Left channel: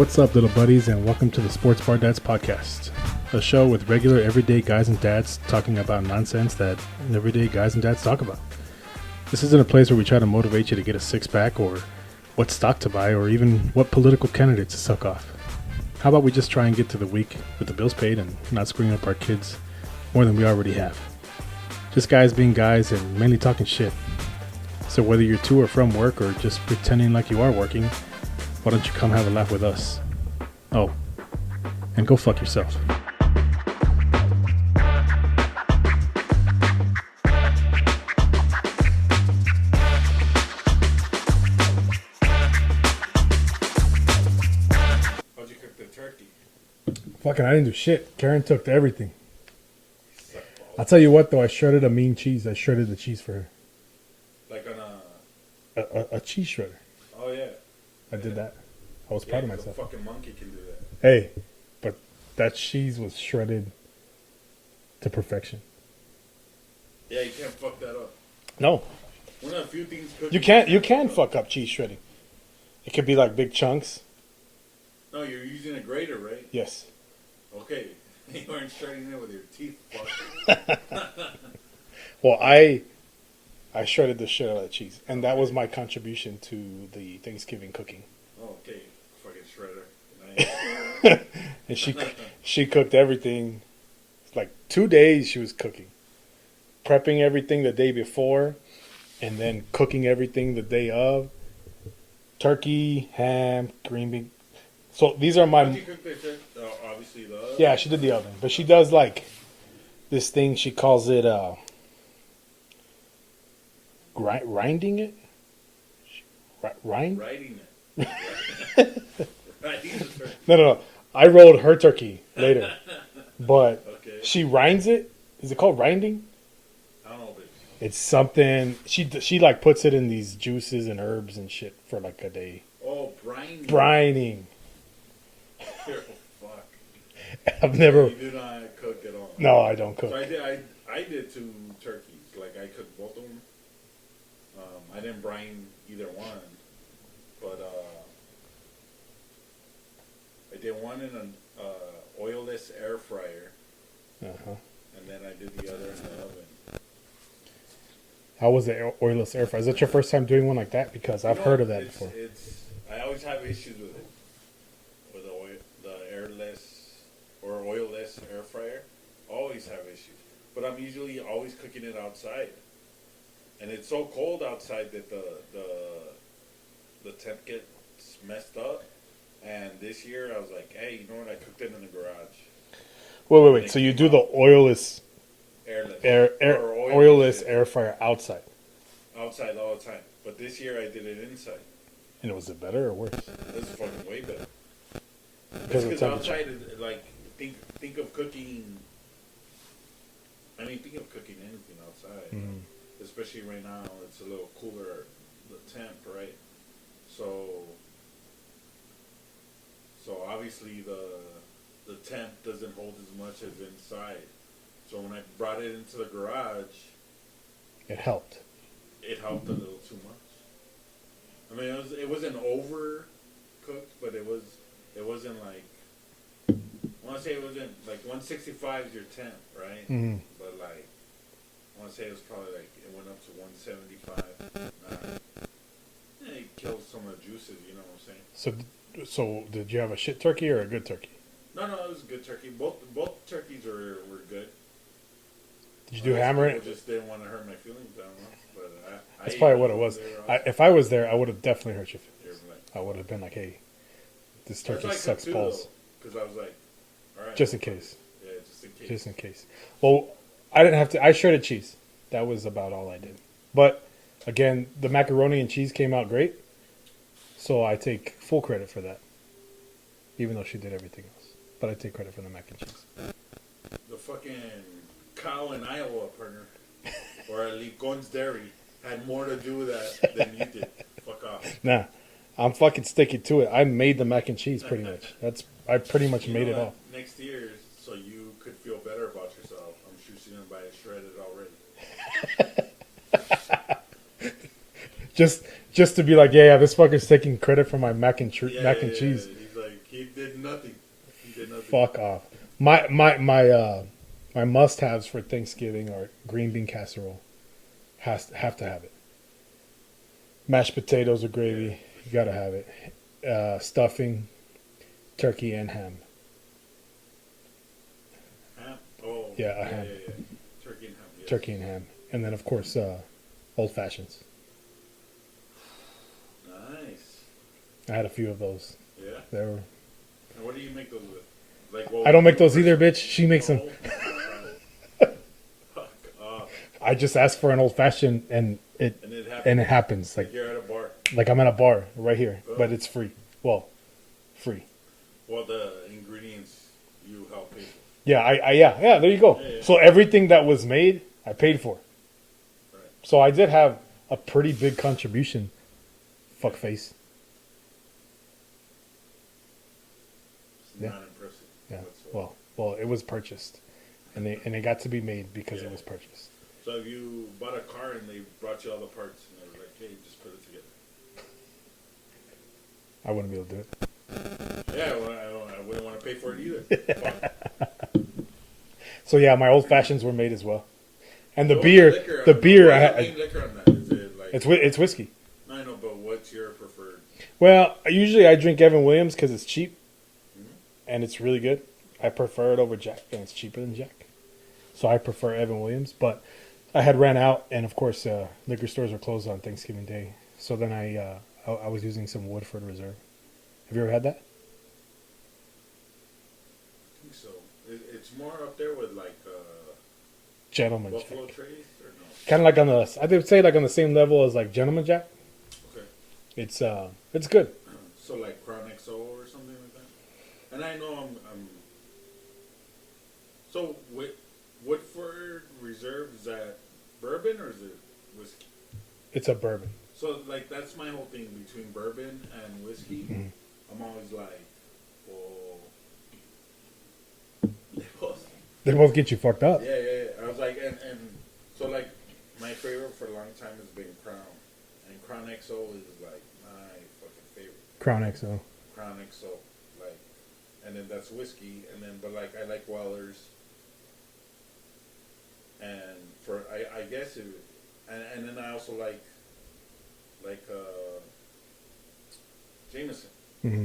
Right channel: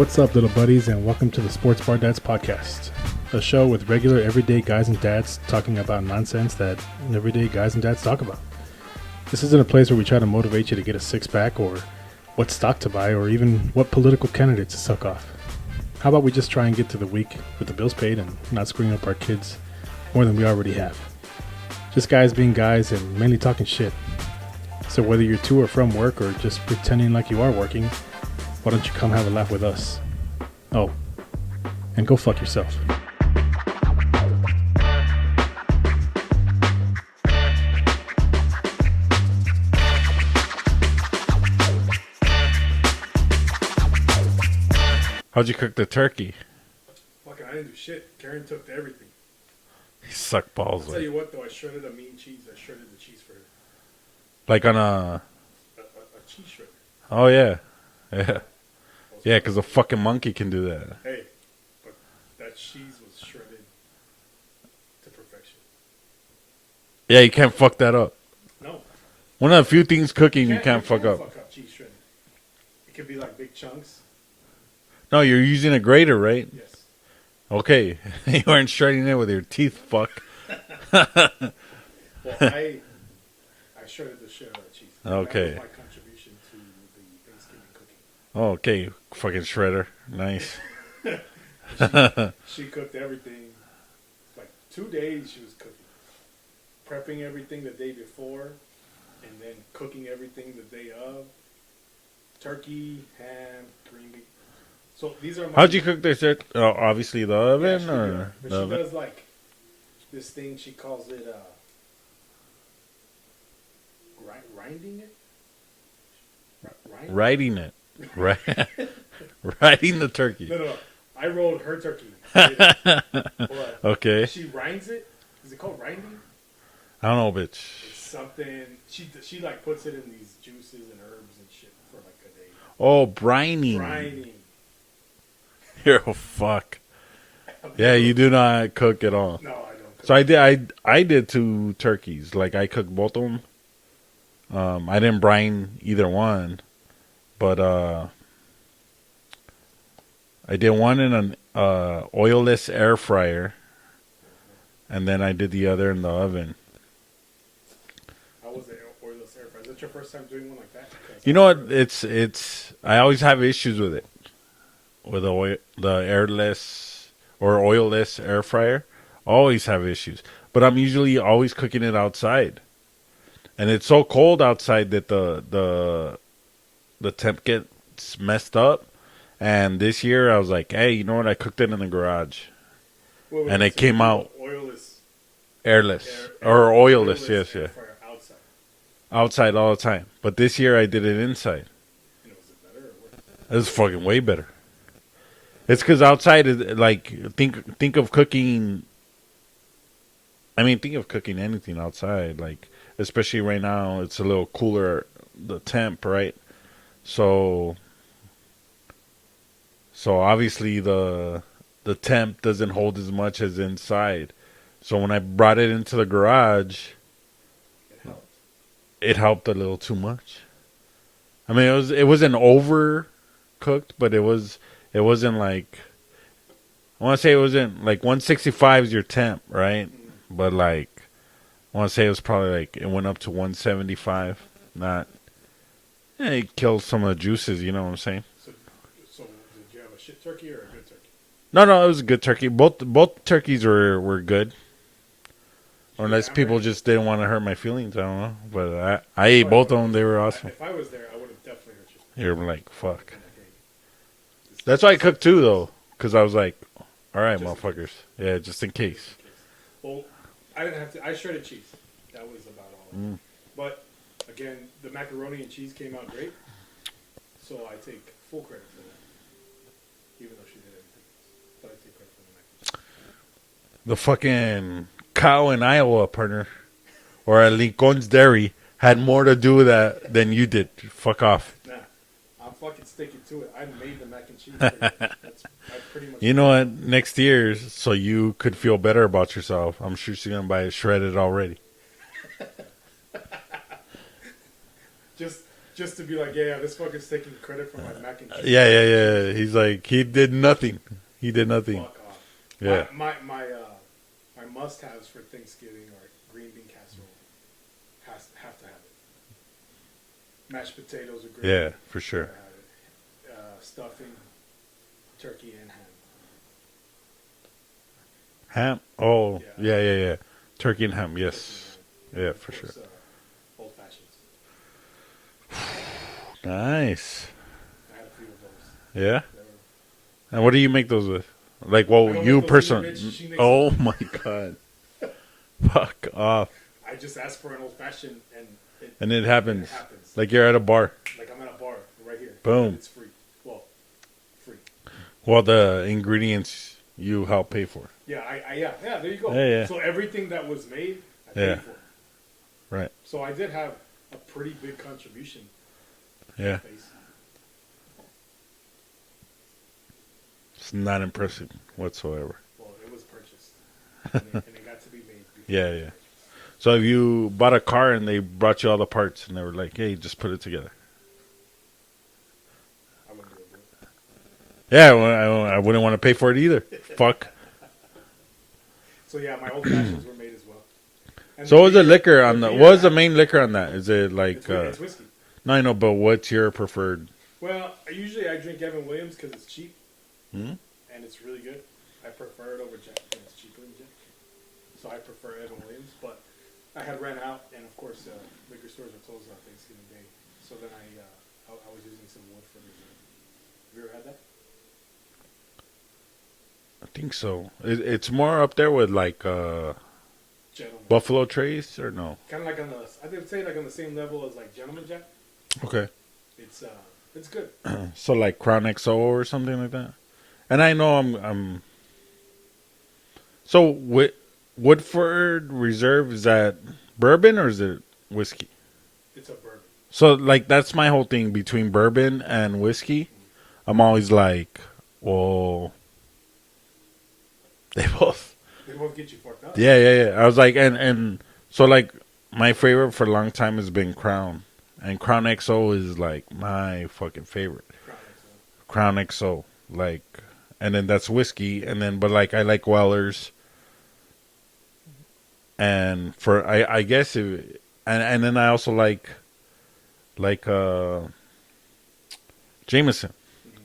What's up, little buddies, and welcome to the Sports Bar Dads Podcast, a show with regular, everyday guys and dads talking about nonsense that everyday guys and dads talk about. This isn't a place where we try to motivate you to get a six-pack or what stock to buy or even what political candidates to suck off. How about we just try and get to the week with the bills paid and not screwing up our kids more than we already have. Just guys being guys and mainly talking shit. So whether you're to or from work or just pretending like you are working, why don't you come have a laugh with us? Oh, and go fuck yourself. How'd you cook the turkey? Fucking, I didn't do shit. Karen took everything. You suck balls. I'll tell you what, though, I shredded a mean cheese. I shredded the cheese for her. Like on a... A cheese shredder. Oh, yeah. Yeah, Yeah, because a fucking monkey can do that. Hey, but that cheese was shredded to perfection. Yeah, you can't fuck that up. No. One of the few things cooking you can't fuck up cheese shredding. It could be like big chunks. No, you're using a grater, right? Yes. Okay. You weren't shredding it with your teeth, fuck. Well, I shredded the shit out of that cheese. And that Okay. was my contribution to the Thanksgiving cooking. Oh, okay. Fucking shredder. Nice. And she cooked everything. Like 2 days she was cooking. Prepping everything the day before. And then cooking everything the day of. Turkey, ham, green bean. So these are my... How'd you cook this? Obviously the oven? Yeah, she did the oven. But she does like this thing, she calls it grinding it? Riding it. Right. Riding the turkey. No. I rolled her turkey later. But Okay. she rinds it. Is it called rinding? I don't know, bitch. It's something... She like puts it in these juices and herbs and shit for like a day. Oh, brining. Brining. You're a fuck. Never, Yeah, you do not cook at all. No, I don't cook. So I did 2 turkeys. Like I cooked both of them. I didn't brine either one, but I did one in an oilless air fryer, and then I did the other in the oven. How was the oilless air fryer? Is that your first time doing one like that? Because You I've know heard what? of that. It's I always have issues with it, with the airless or oilless air fryer. Always have issues, but I'm usually always cooking it outside. And it's so cold outside that the temp gets messed up. And this year I was like, hey, you know what? I cooked it in the garage. Wait, and it so came you do out the oilless airless or oilless, yes, air yeah. fryer outside. Outside all the time. But this year I did it inside. And was it better or worse? It was fucking way better. It's because outside is like think of cooking. I mean, think of cooking anything outside, like. Especially right now, it's a little cooler, the temp, right? So obviously the temp doesn't hold as much as inside. So when I brought it into the garage, It helped. it helped a little too much. I mean, it wasn't overcooked, but it wasn't like, I want to say it wasn't like 165 is your temp, right? Mm-hmm. But like, I want to say it was probably like, it went up to 175. Not, yeah, it killed some of the juices, you know what I'm saying? So did you have a shit turkey or a good turkey? No, it was a good turkey. Both turkeys were good. Did you Unless hammer people it? just didn't want to hurt my feelings, I don't know. But I That's ate probably both what of it them. was. They were awesome. If I was there, I would have definitely hurt your feelings. You're like, I would fuck. have been like, hey. This That's why I turkey cooked sucks 2, balls. though. Because I was like, all right, Just in motherfuckers. case. Yeah, just in case. Just in case. Well, I didn't have to. I shredded cheese. That was about all I did. But, again, the macaroni and cheese came out great. So I take full credit for that. Even though she did everything else. But I take credit for the mac and cheese. The fucking cow in Iowa, partner, or at Lincoln's Dairy, had more to do with that than you did. Fuck off. Nah. I'm fucking sticking to it. I made the mac and cheese pretty much. I pretty much. You made know it what? Next year, so you could feel better about yourself, I'm sure she's going to buy it shredded already. Just Just to be like, yeah, this fucker's taking credit for my mac and cheese. Yeah. He's like, he did nothing. He did nothing. Fuck off. Yeah. My must-haves for Thanksgiving are green bean casserole. Have to have it. Mashed potatoes or gravy. Yeah, for sure. Gotta have it. Stuffing, turkey and ham. Ham? Oh, Yeah, yeah. Turkey and ham, yes. Turkey and ham, and Yeah, then of for course old fashions. Nice. I had a few of those. Yeah? They were, And what do you make those with? Like, well, I don't make you those person- either, bitch. She makes Oh, them. my God. Fuck off. I just asked for an old fashioned, and it Happens. happens. Like you're at a bar. Like I'm at a bar right here, Boom. but it's free. Well, free. Well, the ingredients you help pay for. Yeah, yeah. There you go. Yeah. So everything that was made, I paid Yeah. for. Right. So I did have a pretty big contribution. Yeah. Fuckface. It's not impressive Yeah. whatsoever. Well, it was purchased, and it got to be made because Yeah, it was yeah. purchased. So if you bought a car and they brought you all the parts and they were like, hey, just put it together. I wouldn't be able to do it. Yeah, well, I wouldn't want to pay for it either. Fuck. So yeah, my old fashions were made as well. And So what was the liquor on beer what I was the had- main liquor on that? Is it like... It's whiskey. No, I know, but what's your preferred? Well, usually I drink Evan Williams because it's cheap Hmm? and it's really good. I prefer it over Jack, and it's cheaper than Jack. So I prefer Evan Williams. But I had ran out, and of course, liquor stores were closed on Thanksgiving Day. So then I was using some Woodford Reserve. Have you ever had that? I think so. It's more up there with like Gentleman. Buffalo Trace or no? Kind of like I would say like on the same level as like Gentleman Jack. Okay. It's good. So like Crown XO or something like that. And I know I'm. So Woodford Reserve, is that bourbon or is it whiskey? It's a bourbon. So like that's my whole thing between bourbon and whiskey. Mhm. I'm always like, well, they both. They both get you fucked up. Yeah. I was like, and so like my favorite for a long time has been Crown, and Crown XO is like my fucking favorite. Crown XO. Crown XO, like, and then that's whiskey, and then but like I like Weller's, and for I guess it, and then I also like Jameson. Mm-hmm.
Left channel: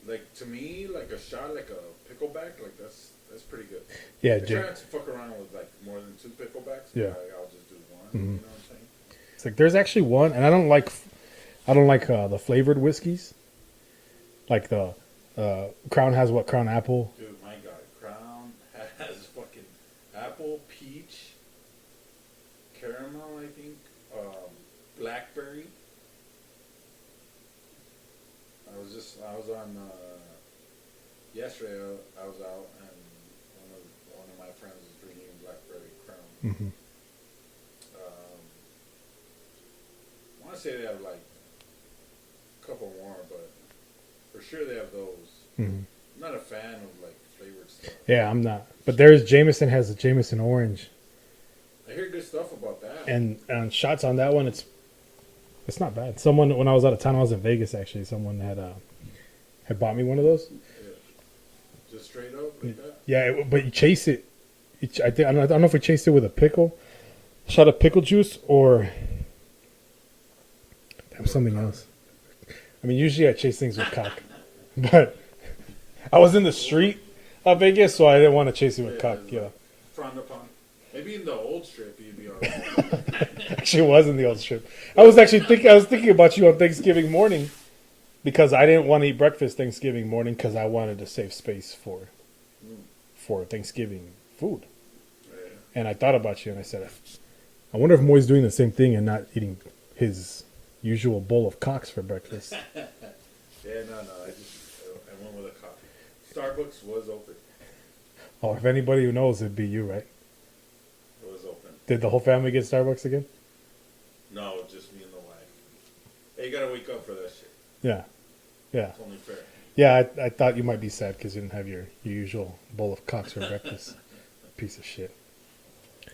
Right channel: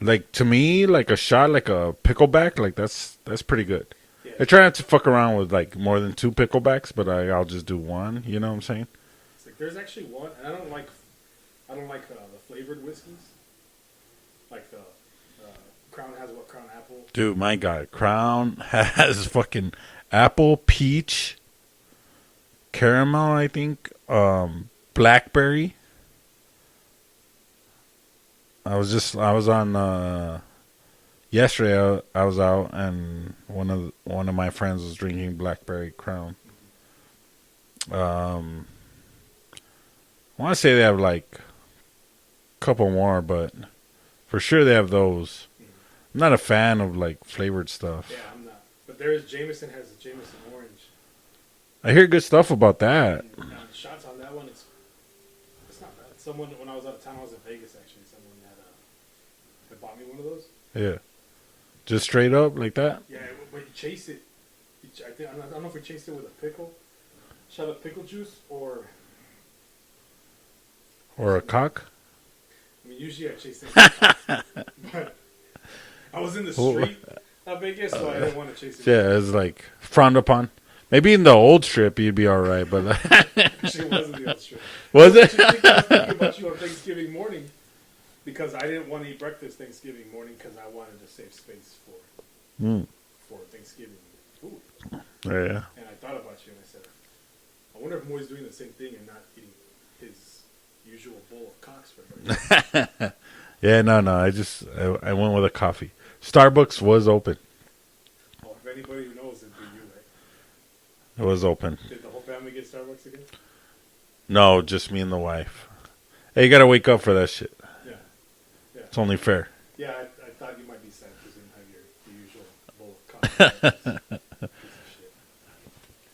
Like to me, like a shot, like a pickleback, like that's pretty good. Yeah. I try not to fuck around with like more than 2 picklebacks, but Yeah. I'll just do one. Mhm. You know what I'm saying? It's like there's actually one, and I don't like the flavored whiskeys. Like the Crown has what Crown Apple. Dude, my God, Crown has fucking apple, peach, caramel, I think, blackberry. I was on yesterday. I was out and one of my friends was drinking blackberry Crown. Mm-hmm. I want to say they have like a couple more, but for sure they have those. Mm-hmm. I'm not a fan of like flavored stuff. Yeah, I'm not. But there's Jameson has a Jameson Orange, I hear good stuff about that. and shots on that one. It's not bad. Someone when I was out of town, I was in Vegas actually. Someone had bought me one of those. Yeah, just straight up like that. Yeah, but you chase it. I don't know if we chased it with a pickle, shot of pickle juice, or Or a something cock. else. I mean, usually I chase things with cock, but I was in the street of Vegas, so I didn't want to chase it with Yeah, cock. it's like frowned upon. Maybe in the old strip you'd be all right, but Actually, it was in the old strip. Was it? I was thinking about you on Thanksgiving morning because I didn't want to eat breakfast Thanksgiving morning because I wanted to save space for Thanksgiving food. yeah. And I thought about you and I said, I wonder if Moy's doing the same thing and not eating his usual bowl of cocks for breakfast. Yeah, no. I went with a coffee. Starbucks was open. Oh, if anybody who knows, it'd be you, right? It was open. Did the whole family get Starbucks again? No, just me and the wife. Hey, you gotta wake up for that shit. Yeah. Yeah. It's only fair. Yeah, I thought you might be sad because you didn't have your usual bowl of cocks for breakfast. Piece of shit.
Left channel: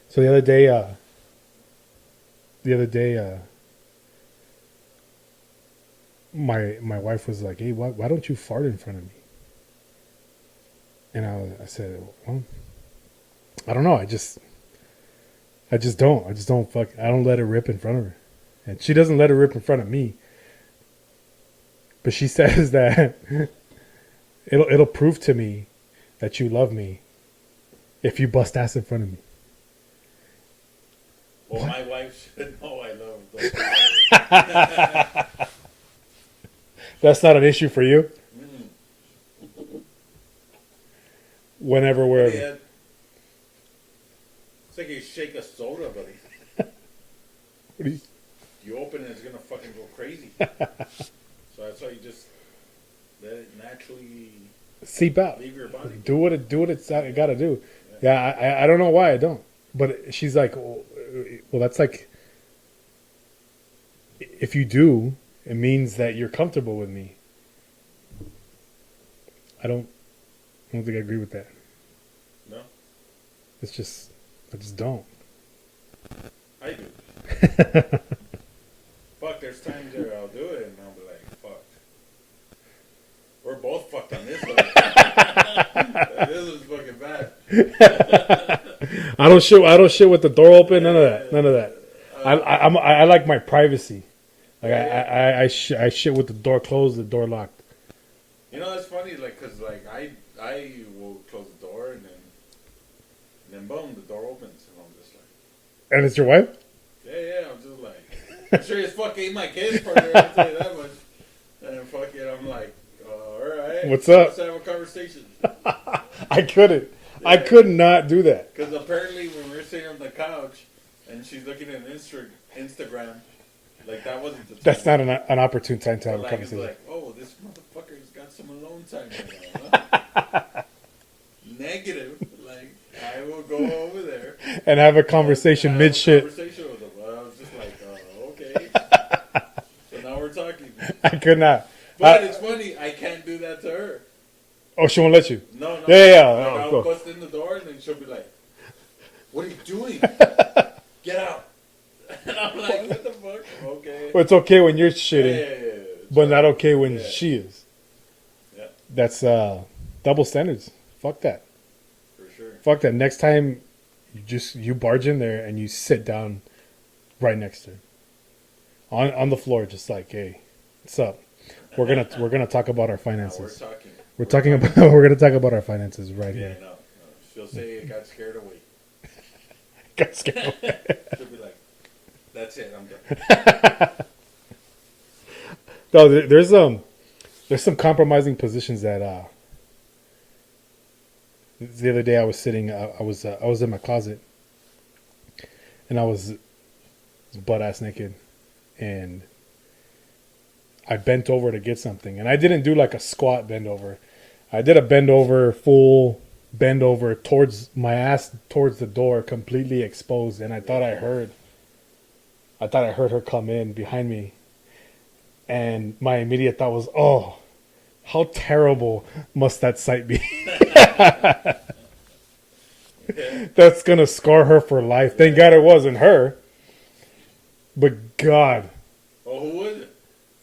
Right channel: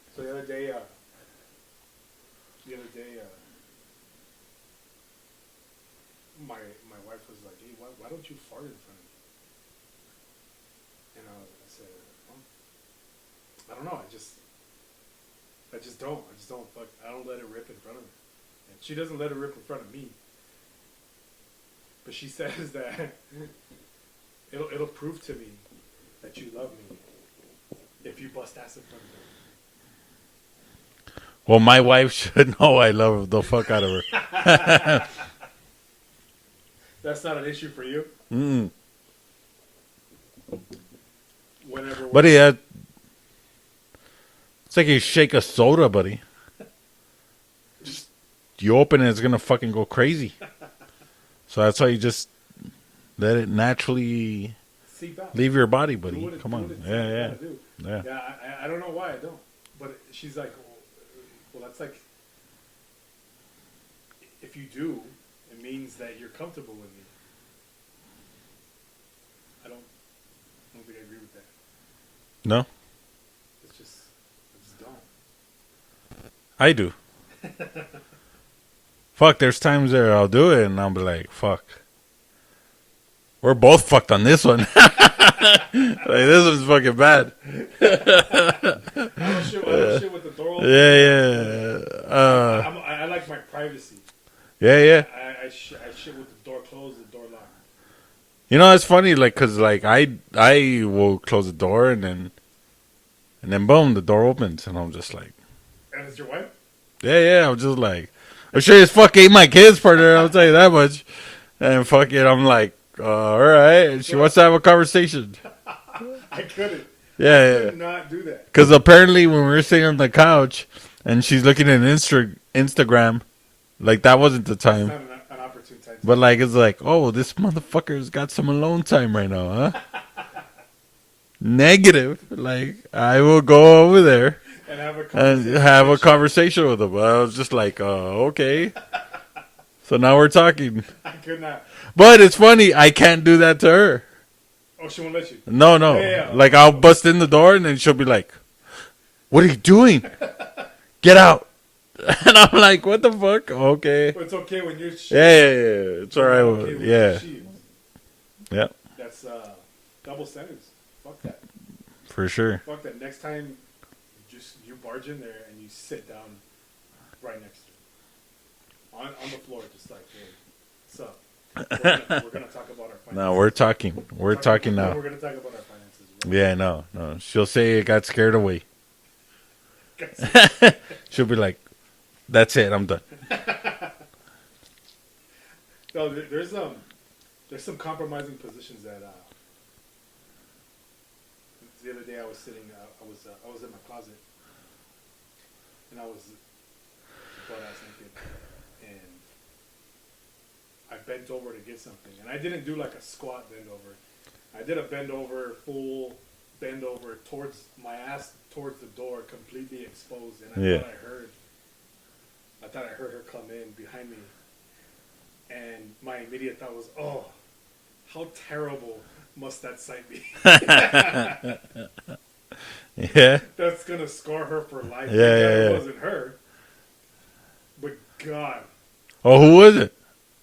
So the other day, my wife was like, "Hey, why don't you fart in front of me?" And I said, "Well, I don't know. I just don't. I just don't fuck. I don't let it rip in front of her, and she doesn't let it rip in front of me. But she says that it'll prove to me that you love me if you bust ass in front of me." Well, my wife should know I love the fuck out of her. That's not an issue for you. Mm. Whenever we're Buddy, it's like you shake a soda, buddy. You open it, it's gonna fucking go crazy. So that's why you just let it naturally seep out, leave your body. Buddy. do what it's gotta do. Yeah, I don't know why I don't. But she's like, well, that's like, if you do, it means that you're comfortable with me. I don't think I agree with that. No, I just don't. I do. Fuck, there's times there I'll do it and I'll be like, fuck. We're both fucked on this one. Like, this one's fucking bad. I don't shit with the door open. Yeah, none of that. I like my privacy. Yeah. I shit with the door closed, the door locked. You know, it's funny, like, cause like I will close the door and then boom, the door opens and I'm just like, and it's your wife? yeah. I'm just like, I'm sure as fuck ain't my kids partner. I'll tell you that much. And fuck it, I'm like, all right, What's so up? let's have a conversation. I couldn't. Yeah, I could not do that. Because apparently when we were sitting on the couch and she's looking at Instagram, like that wasn't the time. That's not an opportune time to. But like it's like, oh, this motherfucker's got some alone time right now, huh? Negative. Like I will go over there and have a conversation. And have a conversation with him. I was just like, okay. So now we're talking. I could not. But it's funny, I can't do that to her. Oh, she won't let you? No. Yeah. Like I'll bust in the door and then she'll be like, "What are you doing? Get out!" And I'm like, "What the fuck?" Okay. Well, it's okay when you're shit. Yeah. It's but all not right. okay when she is. Yeah. That's double standards. Fuck that. For sure. Fuck that. Next time, you barge in there and you sit down right next to her on the floor, just like, "Hey, what's up? We're gonna talk about our finances." No, we're talking. We're gonna talk about our finances right now. Yeah, no. She'll say it got scared away. She'll be like, "That's it. I'm done." No, there's some compromising positions that the other day I was sitting. I was in my closet, and I was butt ass naked, and I bent over to get something, and I didn't do like a squat bend over. I did a bend over, full bend over towards my ass, towards the door, completely exposed, and I thought I heard her come in behind me, and my immediate thought was, "Oh, how terrible must that sight be?" Yeah, that's gonna scar her for life. Thank God it wasn't her, but God. Oh, who was it?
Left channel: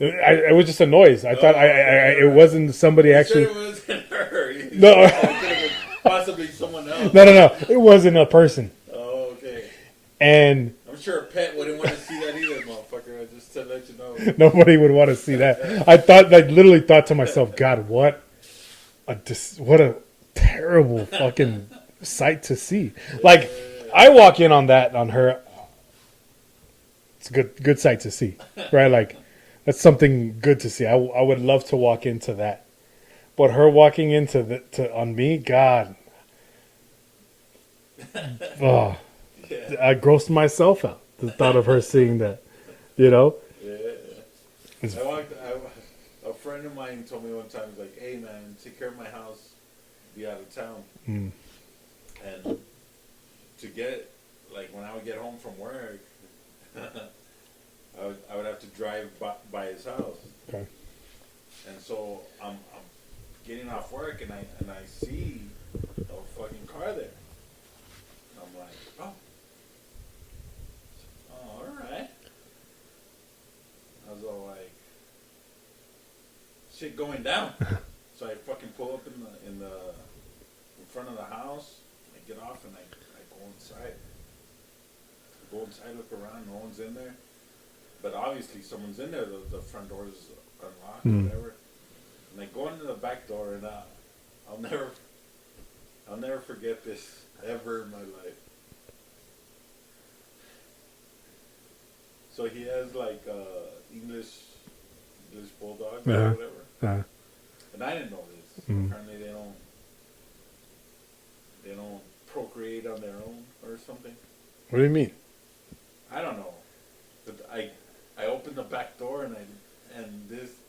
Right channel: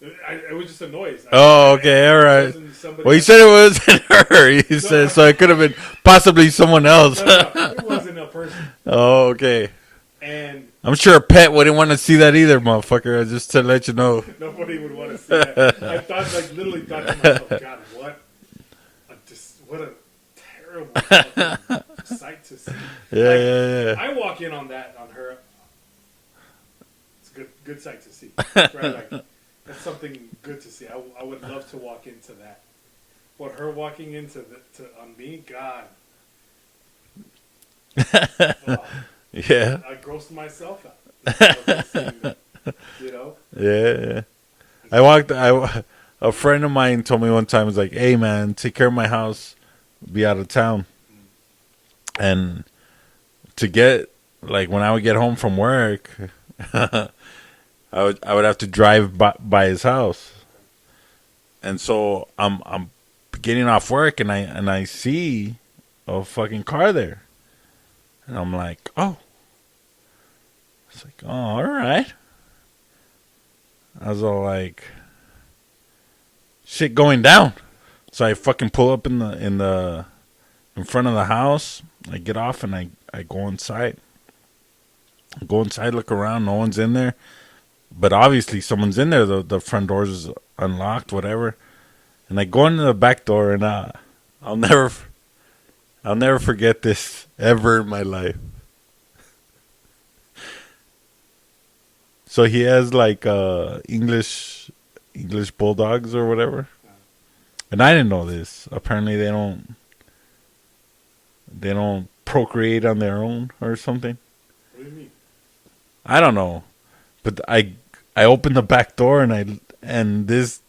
It was just a noise. Okay, all right. It wasn't somebody. Well, you said it wasn't her. You said so it could have been possibly someone else. No. It wasn't a person. Oh, okay. And I'm sure a pet wouldn't want to see that either, motherfucker. Just to let you know, nobody would want to see that. I literally thought to myself, God, what a terrible fucking sight to see. Yeah. I walk in on her. It's a good sight to see, right? Like. That's something good to see. I would love to walk into that, but her walking into on me, God, oh, yeah, I grossed myself out the thought of her seeing that. You know? Yeah. A friend of mine told me one time, was like, "Hey man, take care of my house, be out of town," and to get like when I would get home from work. I would have to drive by his house, okay. And so I'm getting off work and I see a fucking car there, and I'm like, oh, it's like, oh, all right. I was all like, shit going down. So I fucking pull up in front of the house. I get off and I go inside. Go inside, look around. No one's in there, but obviously someone's in there. The front doors is unlocked, whatever. And I go into the back door, and I'll never forget this ever in my life. So he has like English bulldogs or whatever, and I didn't know this. Apparently, they don't procreate on their own or something. What do you mean? I don't know, but I opened the back door and this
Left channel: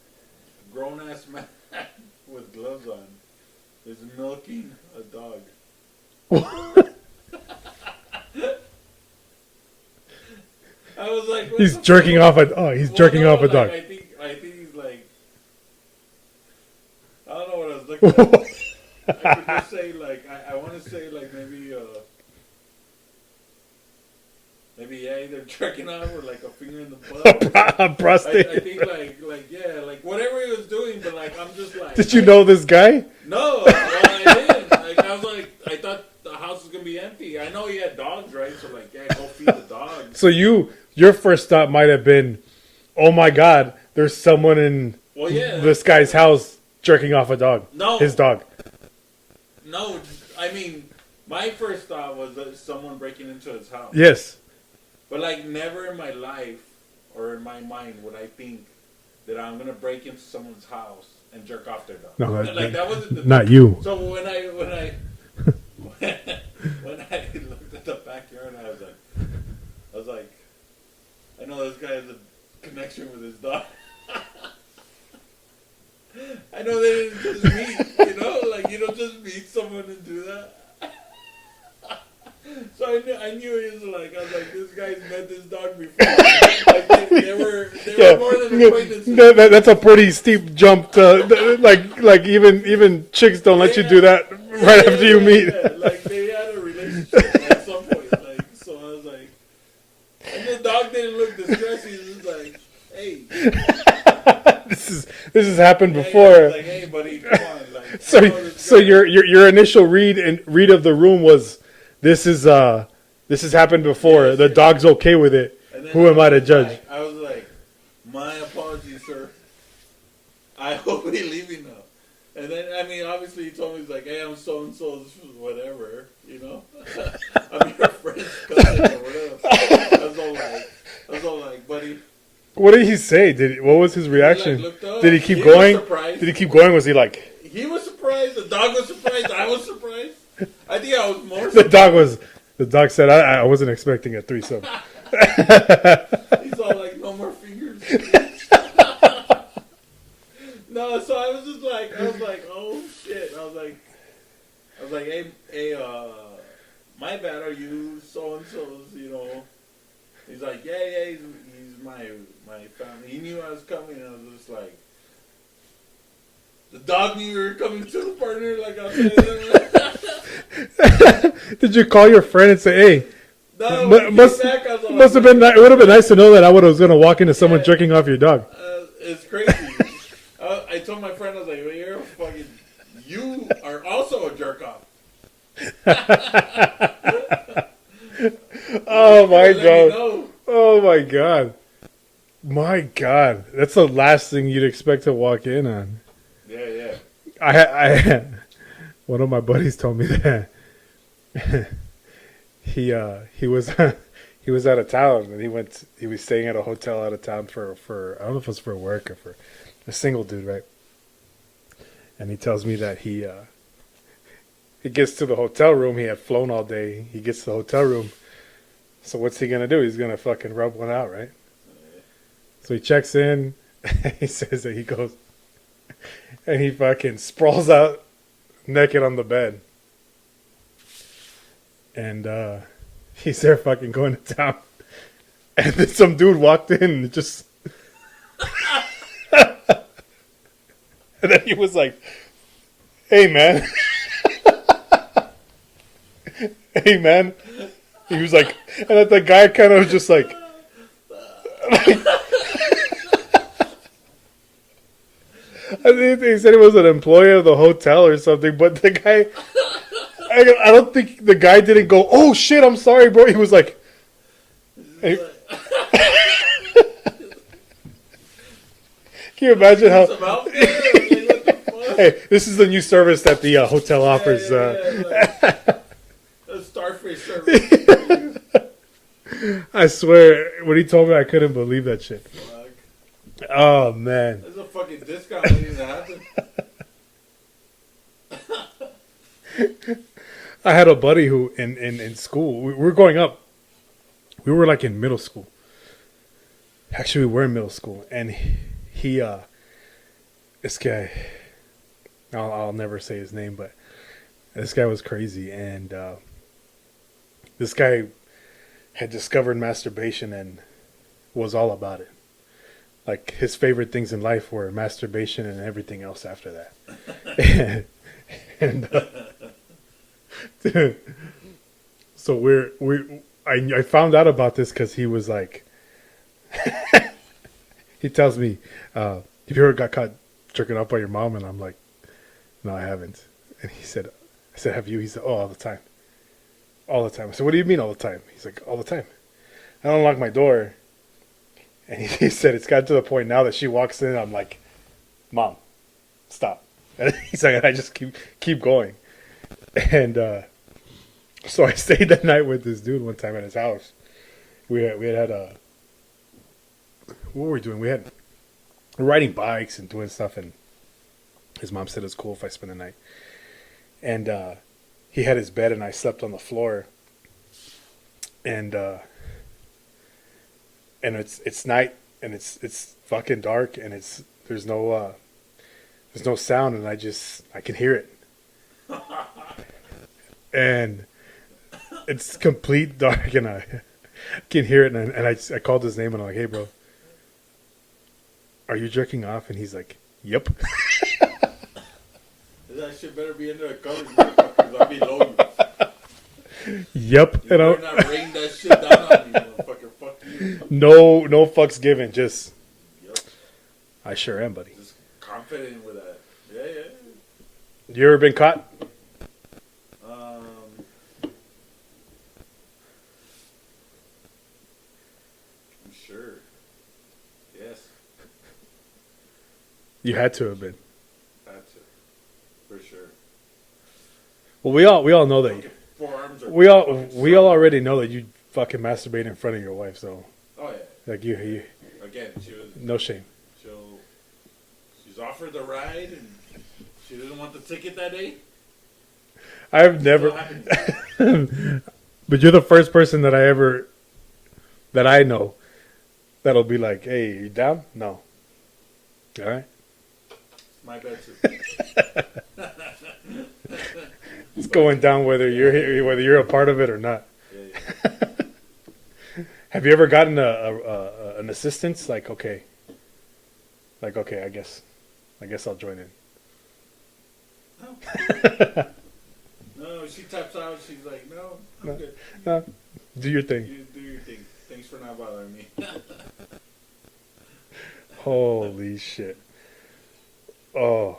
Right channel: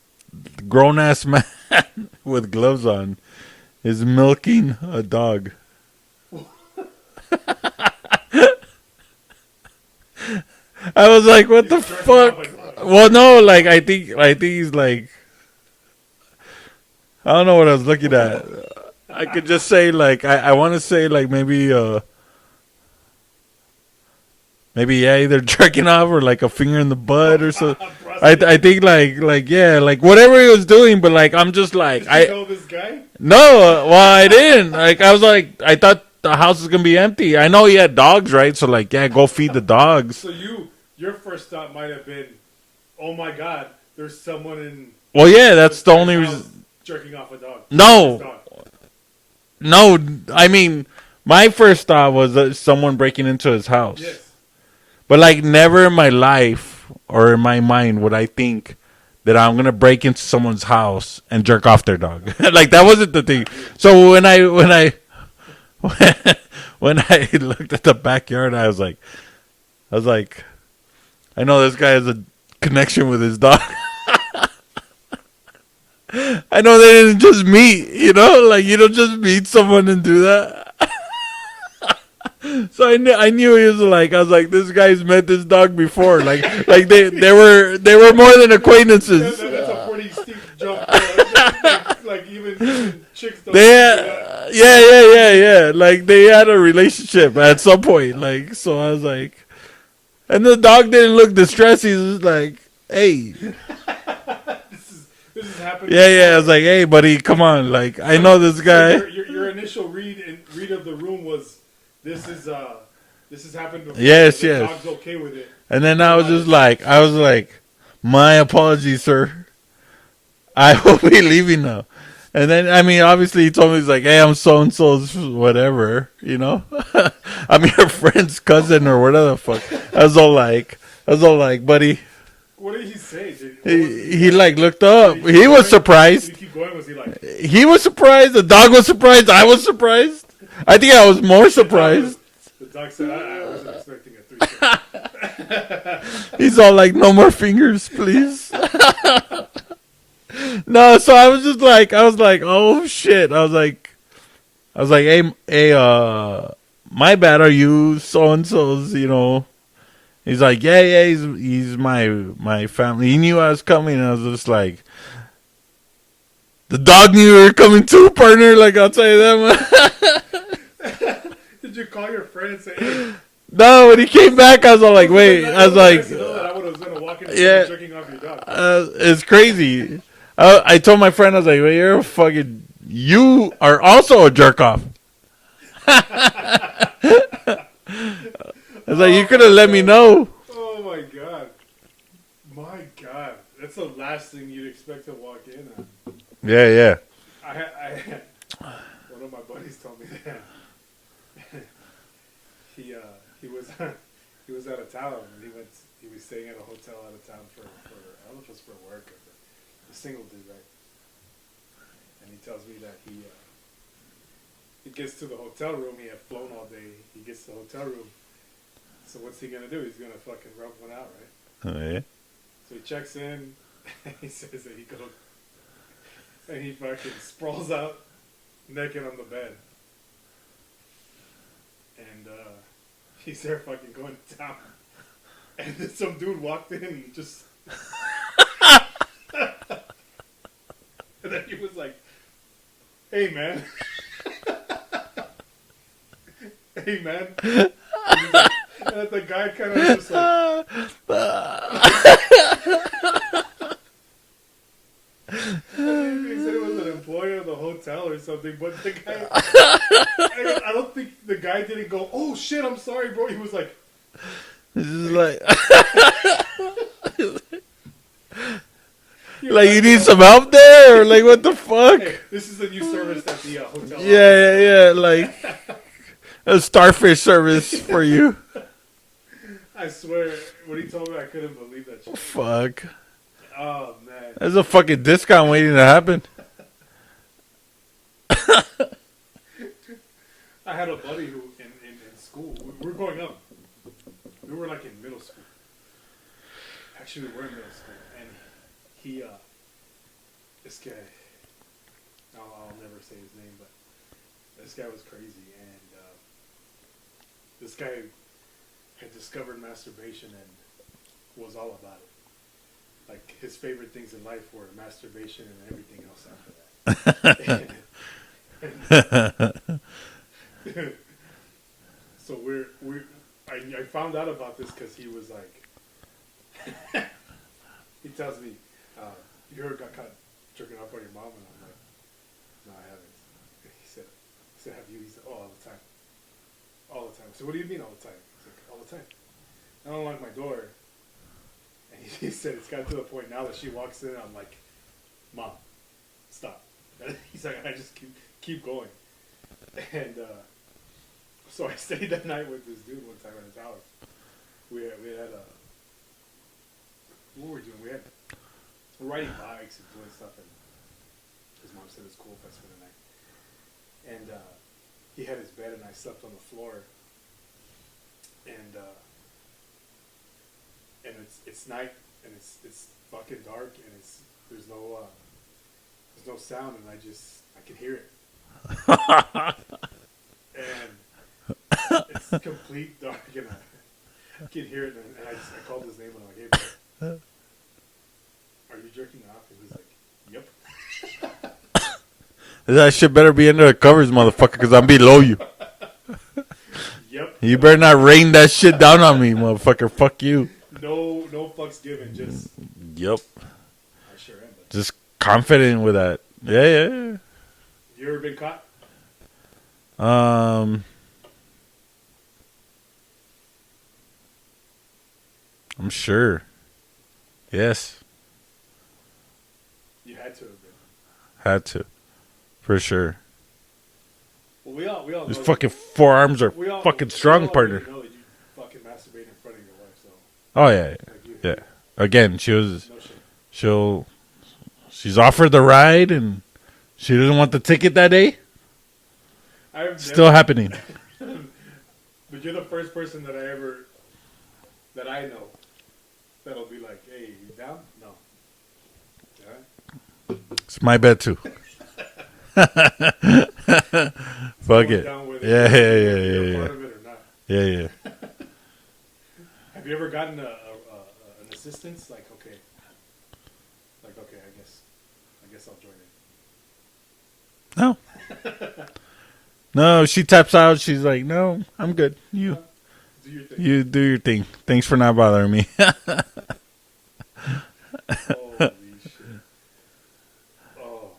grown ass man with gloves on is milking a dog. I was like, "What the jerking fuck?" Off well, no, like I think he's like, I don't know what I was looking at. I could just say like I want to say like maybe either jerking off or like a finger in the butt or something. I think like yeah, like whatever he was doing, but like I'm just like, did you know this guy? No, well I didn't. Like I was like, I thought the house was gonna be empty. I know he had dogs, right? So like, yeah, go feed the dogs. So your first thought might have been, oh my God, there's someone in that's this the guy's only house jerking off a dog. No, his dog. No, I mean my first thought was someone breaking into his house. Yes. But, like, never in my life or in my mind would I think that I'm going to break into someone's house and jerk off their dog. No, like, that wasn't the thing. Not you. So, when I looked at the backyard, I was like, I know this guy has a connection with his dog. I know they didn't just meet, you know? Like, you don't just meet someone and do that. So I knew he was like, I was like, this guy's met this dog before. Like they were more than acquaintances. That's a pretty steep jump. Like even chicks don't let you do that. Yeah. Like they had a relationship at some point. Like, so I was like, and the dog didn't look distressed. He was like, hey. This has happened before. Yeah, I was like, hey, buddy, come on. Like, so, I know this guy. So your initial read of the room was, this has happened before. Yes, the dog's okay with it. And then I was like, my apologies, sir. I will be leaving now. And then, I mean, obviously he told me, he's like, hey, I'm so-and-so's whatever, you know? I'm your friend's cousin or whatever the fuck. I was all like, buddy. What did he say? What was his reaction? He like looked up. He was surprised. Did he keep going? Was he like? He was surprised. The dog was surprised. I was surprised. I think I was more surprised. The dog said, I wasn't expecting a threesome. He's all like, no more fingers, please. No, so I was like, oh shit. I was like, hey, my bad. Are you so and so's? You know. He's like, yeah. He's my family. He knew I was coming, and I was just like, the dog knew you were coming too, partner. Like, I'll tell you that. Did you call your friend and say, hey? No, when he came back, I was all like, wait. It would have been nice to know that I was going to walk into someone jerking off your dog. It's crazy. I told my friend, I was like, well, you are also a jerk off. Like, you could have let me know. Oh my god. My god. That's the last thing you'd expect to walk in on. Yeah. I one of my buddies told me that he was he was out of town and he was staying at a hotel out of town for I don't know if it was for work or for a single dude, right? And he tells me that he gets to the hotel room. He had flown all day. He gets to the hotel room. So what's he going to do? He's going to fucking rub one out, right? Oh, yeah. So he checks in. He says that he goes and he fucking sprawls out naked on the bed. And he's there fucking going to town. And then some dude walked in and just... And then he was like, hey, man. Hey, man. And he was like, and then the guy kind of was just like, I think he said he was an employee of the hotel or something, but the guy, I don't think the guy didn't go, "Oh shit, I'm sorry, bro." He was like, It's just Hey. like, "Can you like you imagine need how- some help there, or like what the fuck? Hey, this is the new service at the hotel office. Yeah, like a starfish service for you. I swear, when he told me, I couldn't believe that shit. Fuck. Oh man, There's a fucking discount waiting to happen. I had a buddy who in school, we were growing up. We were like in middle school. Actually, we were in middle school, and he this guy, I'll never say his name, but this guy was crazy, and this guy had discovered masturbation and was all about it. Like his favorite things in life were masturbation and everything else after that. and, so I found out about this because he was like, he tells me, "Have you ever got caught jerking off by your mom?" And I'm like, "No, I haven't." And I said, "Have you?" He said, "Oh, all the time, all the time." I said, "What do you mean all the time?" He's like, "All the time. I don't lock my door." And he said it's got to the point now that she walks in, I'm like, "Mom, stop." And he's like, I just keep going. And so I stayed that night with this dude one time at his house. We had a, what were we doing? We're riding bikes and doing stuff, and his mom said it's cool if I spend the night. And he had his bed, and I slept on the floor. And it's night, and it's fucking dark, and there's no sound, and I can hear it. And it's complete dark, and I can hear it, and I called his name, and I'm like, "Hey, bro, are you jerking off?" And he's like, "Yep." That shit better be under the covers, motherfucker, because I'm below you. Yep. You And better not rain that shit down on me, motherfucker. Fuck you. No fucks given. Just Yep. I sure am, buddy. Just confident with that. Yeah. You ever been caught? I'm sure. Yes. You had to have been. Had to. For sure. Well, we all know Those that. fucking forearms are We all fucking strong. We all already partner. know that you fucking masturbate in front of your wife. So Oh, yeah. like Yeah. you Again, no shame. she's offered the ride and she doesn't want the ticket that day. I've Still never. happening. But you're the first person that I know that'll be like, "Hey, you down?" No. All right. It's my bet too. It's going down whether you're a part of it or not. Yeah. Have you ever gotten an assistance? Like okay, I guess I'll join in. No. No, she taps out. She's like, "No, I'm good. You Do your thing. you do your thing. Thanks for not bothering me." Holy shit! Oh,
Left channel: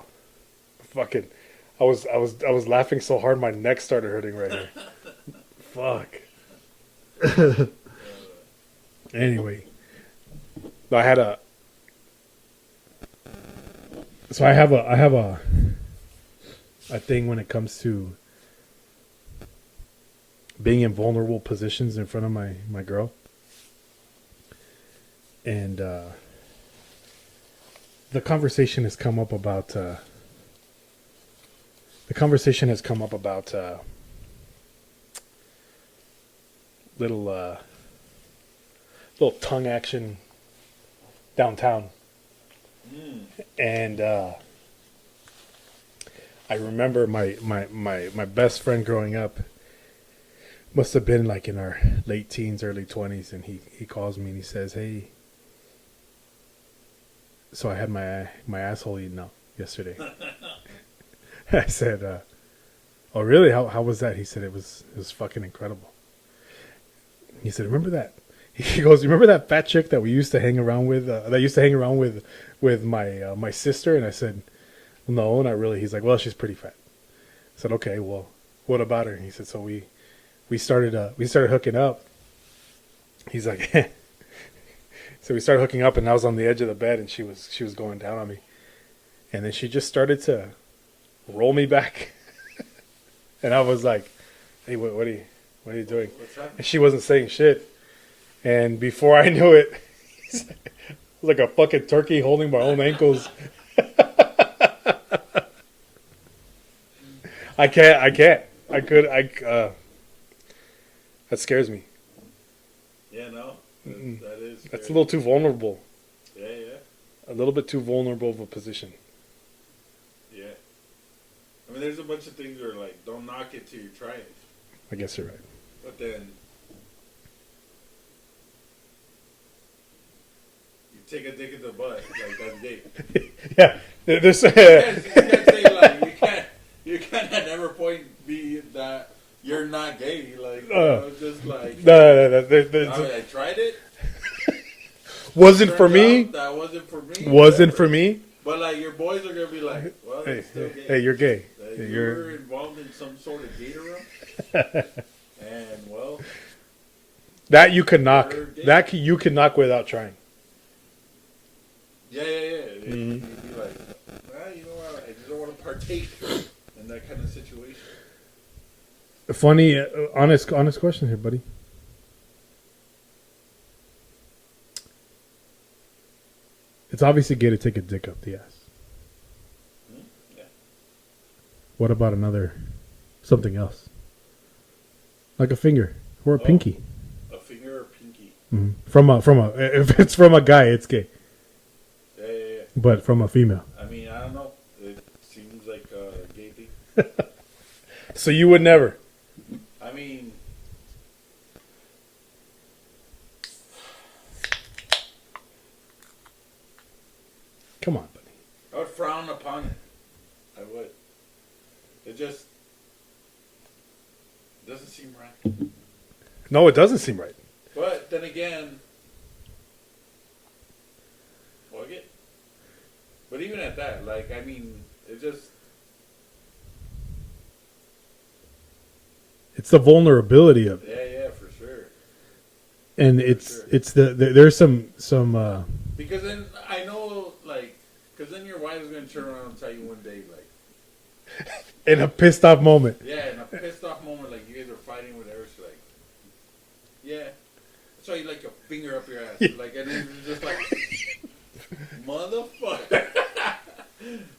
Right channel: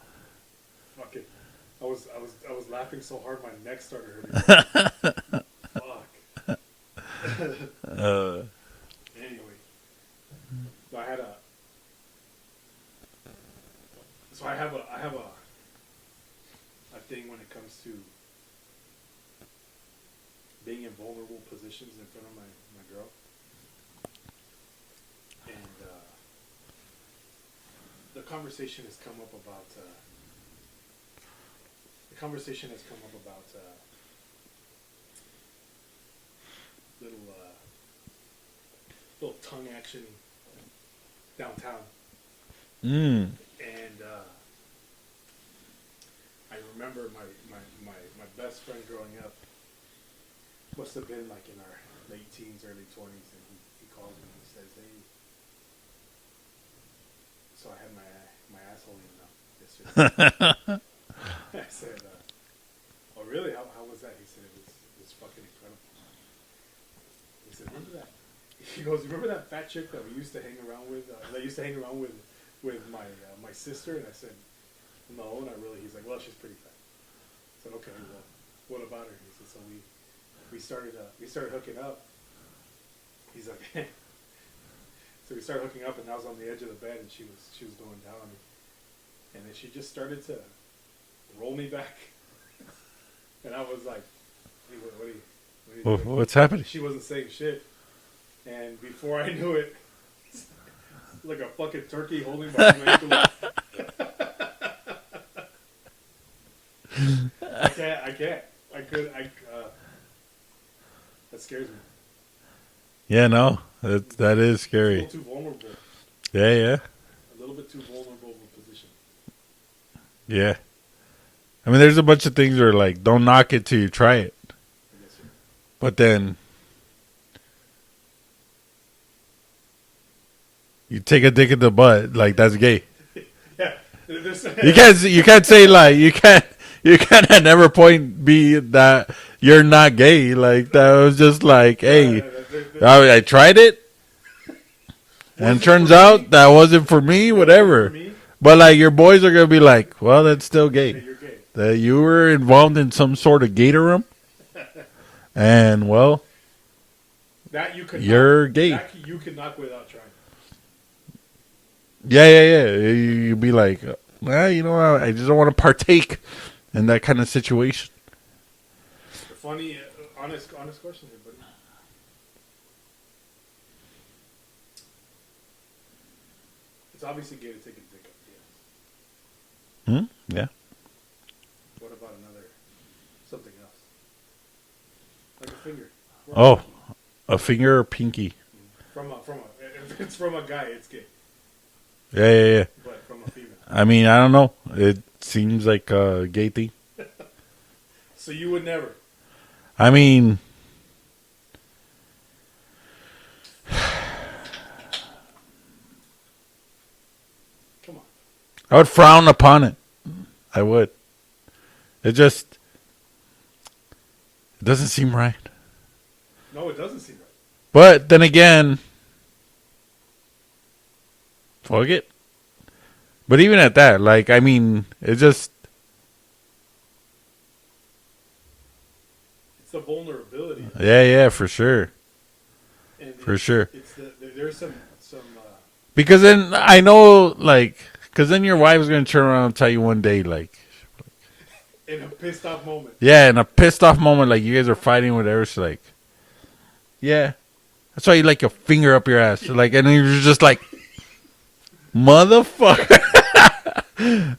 fucking! I was laughing so hard my neck started hurting. Right now. Fuck. Anyway, I had a. So I have a thing when it comes to being in vulnerable positions in front of my girl, and the conversation has come up about little tongue action downtown. And I remember my best friend growing up must have been like in our late teens, early 20s, and he calls me and he says, "Hey, so I had my asshole eaten out yesterday." I said, "Oh really? How was that?" He said it was fucking incredible. He said, "Remember that?" He goes, "You remember that fat chick that we used to hang around with? That used to hang around with my sister?" And I said, "No, not really." He's like, "Well, she's pretty fat." I said, "Okay, well, what about her?" He said, "So we started hooking up." He's like, so we started hooking up, and I was on the edge of the bed, and she was going down on me, and then she just started to roll me back, and I was like, "Hey, what are you doing?" What's happening? She wasn't saying shit, and before I knew it, it was like a fucking turkey holding my own ankles. I can't. That scares me. Yeah, no, that is It's a scary. little too vulnerable. Yeah. A little bit too vulnerable of a position. Yeah. I mean, there's a bunch of things where, like, don't knock it till you try it. I guess you're right. But then you take a dick in the butt, like, that's gay. Yeah. This, You can't say, like, you can't at never point be that you're not gay. Like, that was just like, hey, I tried it. wasn't turns for out me. that wasn't for me, Wasn't whatever. for me. But, like, your boys are going to be like, well, that's still Hey, gay. you're gay. That you were involved in some sort of gator room. And, well, That you can knock. You're gay. That you can knock without trying. yeah. You'd be like, well, you know, I just don't want to partake in that kind of situation. Funny, honest question here, buddy. It's obviously gay to take a dick up the ass. Yeah. What about something else? Like a finger or a Oh. pinky. A finger or pinky. From a if it's from a guy, it's gay. Yeah. But from a female. I mean, I don't know. It seems like a gay thing. So you would never. I mean, Come on. I would frown upon it. I would. It doesn't seem right. No, it doesn't seem right. But then again, fuck it. But even at that, like, I mean, it just, It's the vulnerability of it. yeah, for sure. And For sure. It's there's some Because then I know, like, because then your wife's going to turn around and tell you one day, like, in a pissed off moment. yeah, in a pissed off moment, like, you guys are fighting, whatever. She's like, yeah. That's why you like your finger up your ass. Like, and then you're just like, motherfucker.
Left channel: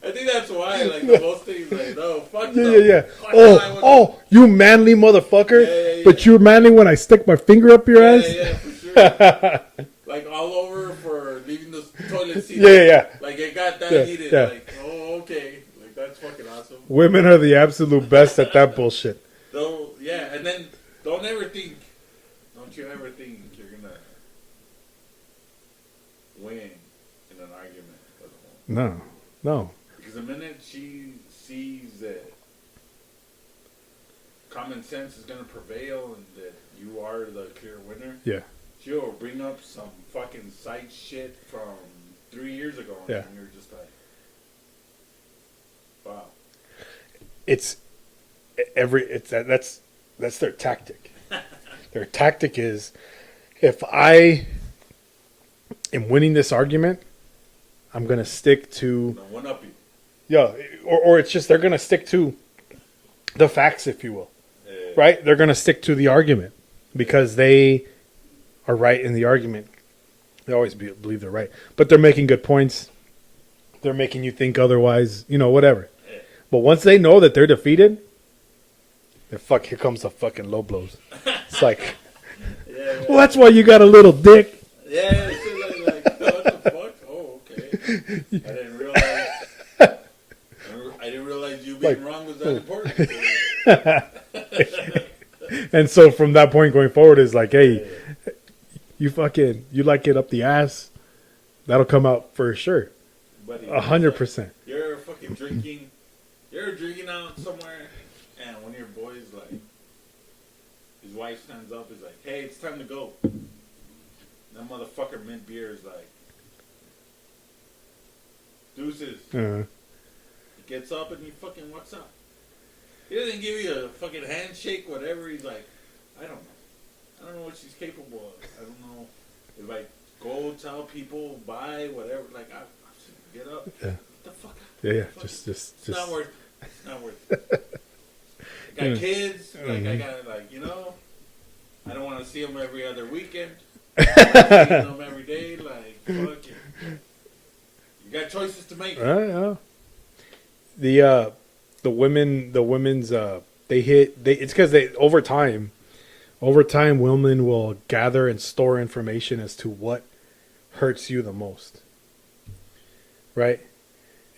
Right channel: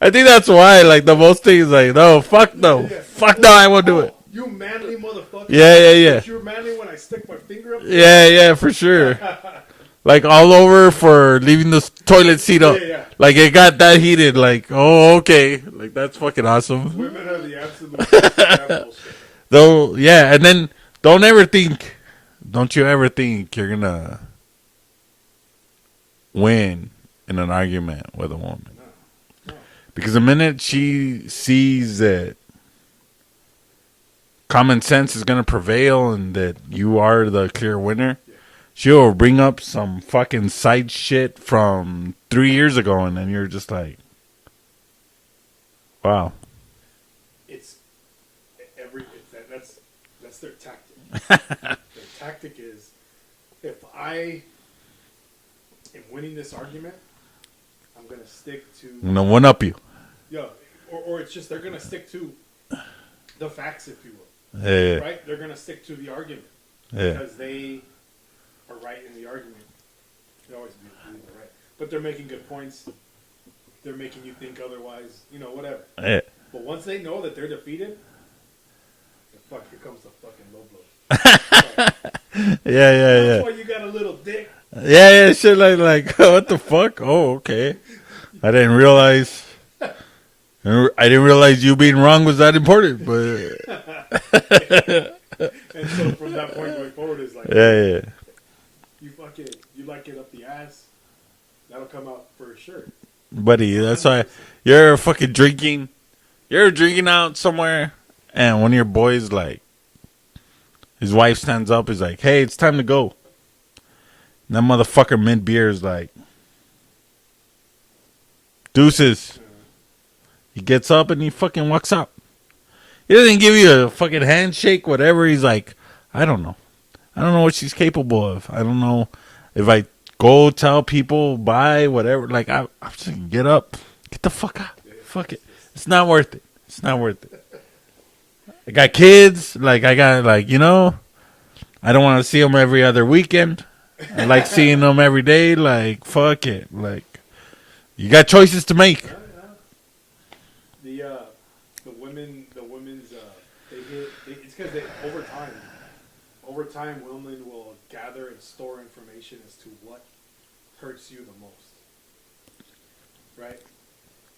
I think that's why, like, the most things, like, no, fuck no. Yeah. Fuck no, I won't do it. You manly motherfucker. Yeah. But you're manly when I stick my finger up your Yeah, ass. yeah, for sure. Like, all over for leaving the toilet seat up. Yeah. Like, it got that heated. yeah. Like, oh, okay. Like, that's fucking awesome. Women are the absolute best at that bullshit. Though, yeah, and then don't you ever think you're gonna win in an argument with a woman. No. Because the minute she sees that common sense is gonna prevail and that you are the clear winner, Yeah. she'll bring up some fucking side shit from 3 years ago, and then you're just like, wow. That's their tactic. Their tactic is, if I am winning this argument, I'm gonna stick to I'm gonna one up you. yeah, or it's just they're gonna stick to the facts, if you will. Yeah. Right? They're gonna stick to the argument because they are right in the argument. They always believe they're right, but they're making good points. They're making you think otherwise, whatever. Yeah. But once they know that they're defeated, here comes the fucking low blows. It's like, Yeah. well, that's why you got a little dick. Yeah, shit like what the fuck? Oh, okay. I didn't realize you being wrong was that important. But And so from that point going forward is like, hey, yeah. you like it up the ass, that'll come out for sure. Buddy, that's why 100%. you're fucking drinking. You're drinking out somewhere, and one of your boys, like, his wife stands up, is like, "Hey, it's time to go." That motherfucker mid beer is like, deuces. He gets up and he fucking walks out. He doesn't give you a fucking handshake, whatever. He's like, I don't know. I don't know what she's capable of. I don't know if I go tell people bye, whatever. Like, I'm just gonna get up. Yeah. Get the fuck out. Yeah, Fuck it. just- It's not worth it. It's not worth it. I got kids. Like, I got, like, you know, I don't want to see them every other weekend. I like seeing them every day. Like, fuck it. Like, you got choices to make. The women's it's because they over time women will gather and store information as to what hurts you the most, right?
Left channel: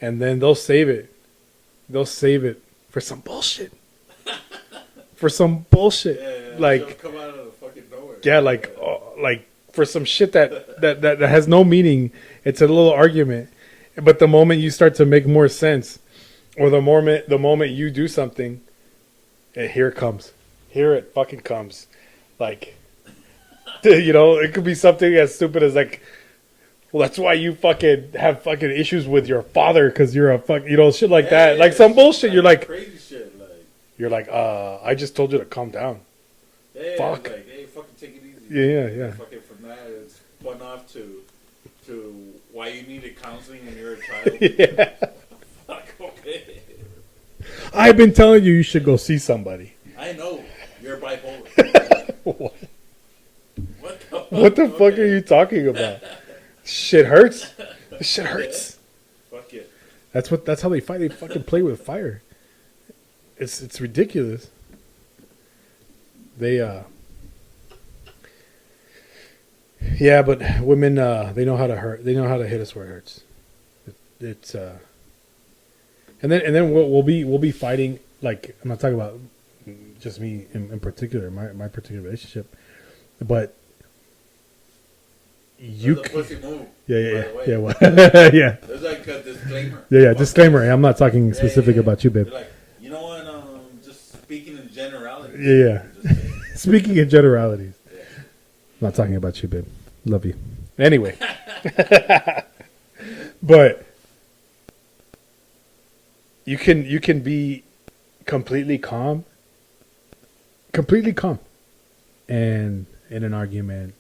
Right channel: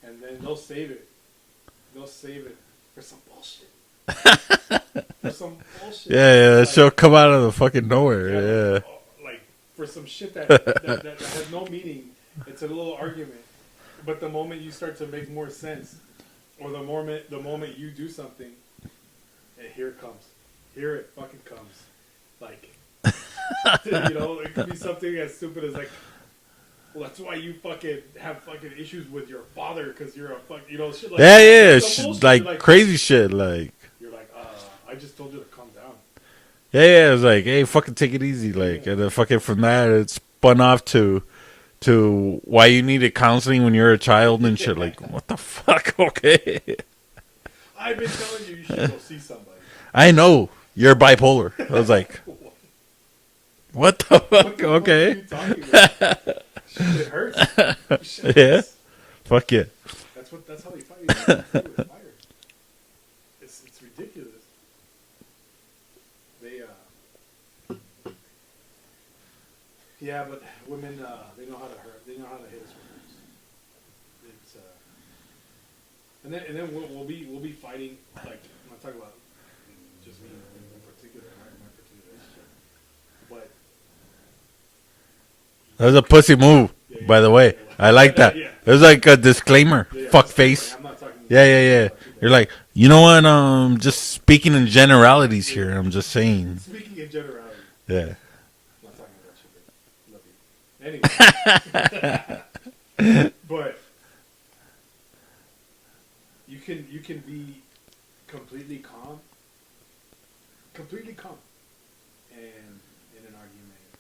And then they'll save it for some bullshit. For some bullshit. Yeah, Like, she'll come out of the fucking nowhere. yeah, like for some shit that has no meaning. It's a little argument, but the moment you start to make more sense, or the moment you do something, here it fucking comes. Like, you know, it could be something as stupid as like, well, that's why you fucking have fucking issues with your father because you're a fuck, you know, shit like that. yeah, Like some bullshit. like You're like crazy shit. Like, I just told you to calm down. yeah, I was like, hey, fucking take it easy. Like, and then fucking from that, it spun off to why you needed counseling when you're a child and shit. Like, what the fuck? Okay, I've been telling you should go see somebody. I know you're bipolar. I was like, what the fuck? What the fuck are you talking about? Shit hurts. Shit hurts. Yeah. Fuck yeah. That's how they fight. They fucking play with fire. It's ridiculous. Yeah, but women they know how to hurt. They know how to hit us where it hurts. It's and then we'll be fighting. Like, I'm not talking about just me in particular, my particular relationship, but That was a pussy move, Yeah, by the way. yeah, well, I like that. yeah. It was like a disclaimer. yeah, Fuck disclaimer. face. I'm not talking specifically about you, babe. You're like, you know what? Just speaking in generalities here. Yeah. I'm just saying. Speaking in generality, Yeah. I'm not talking about you, babe. Love you. Anyway, but you can be completely calm, and in an argument,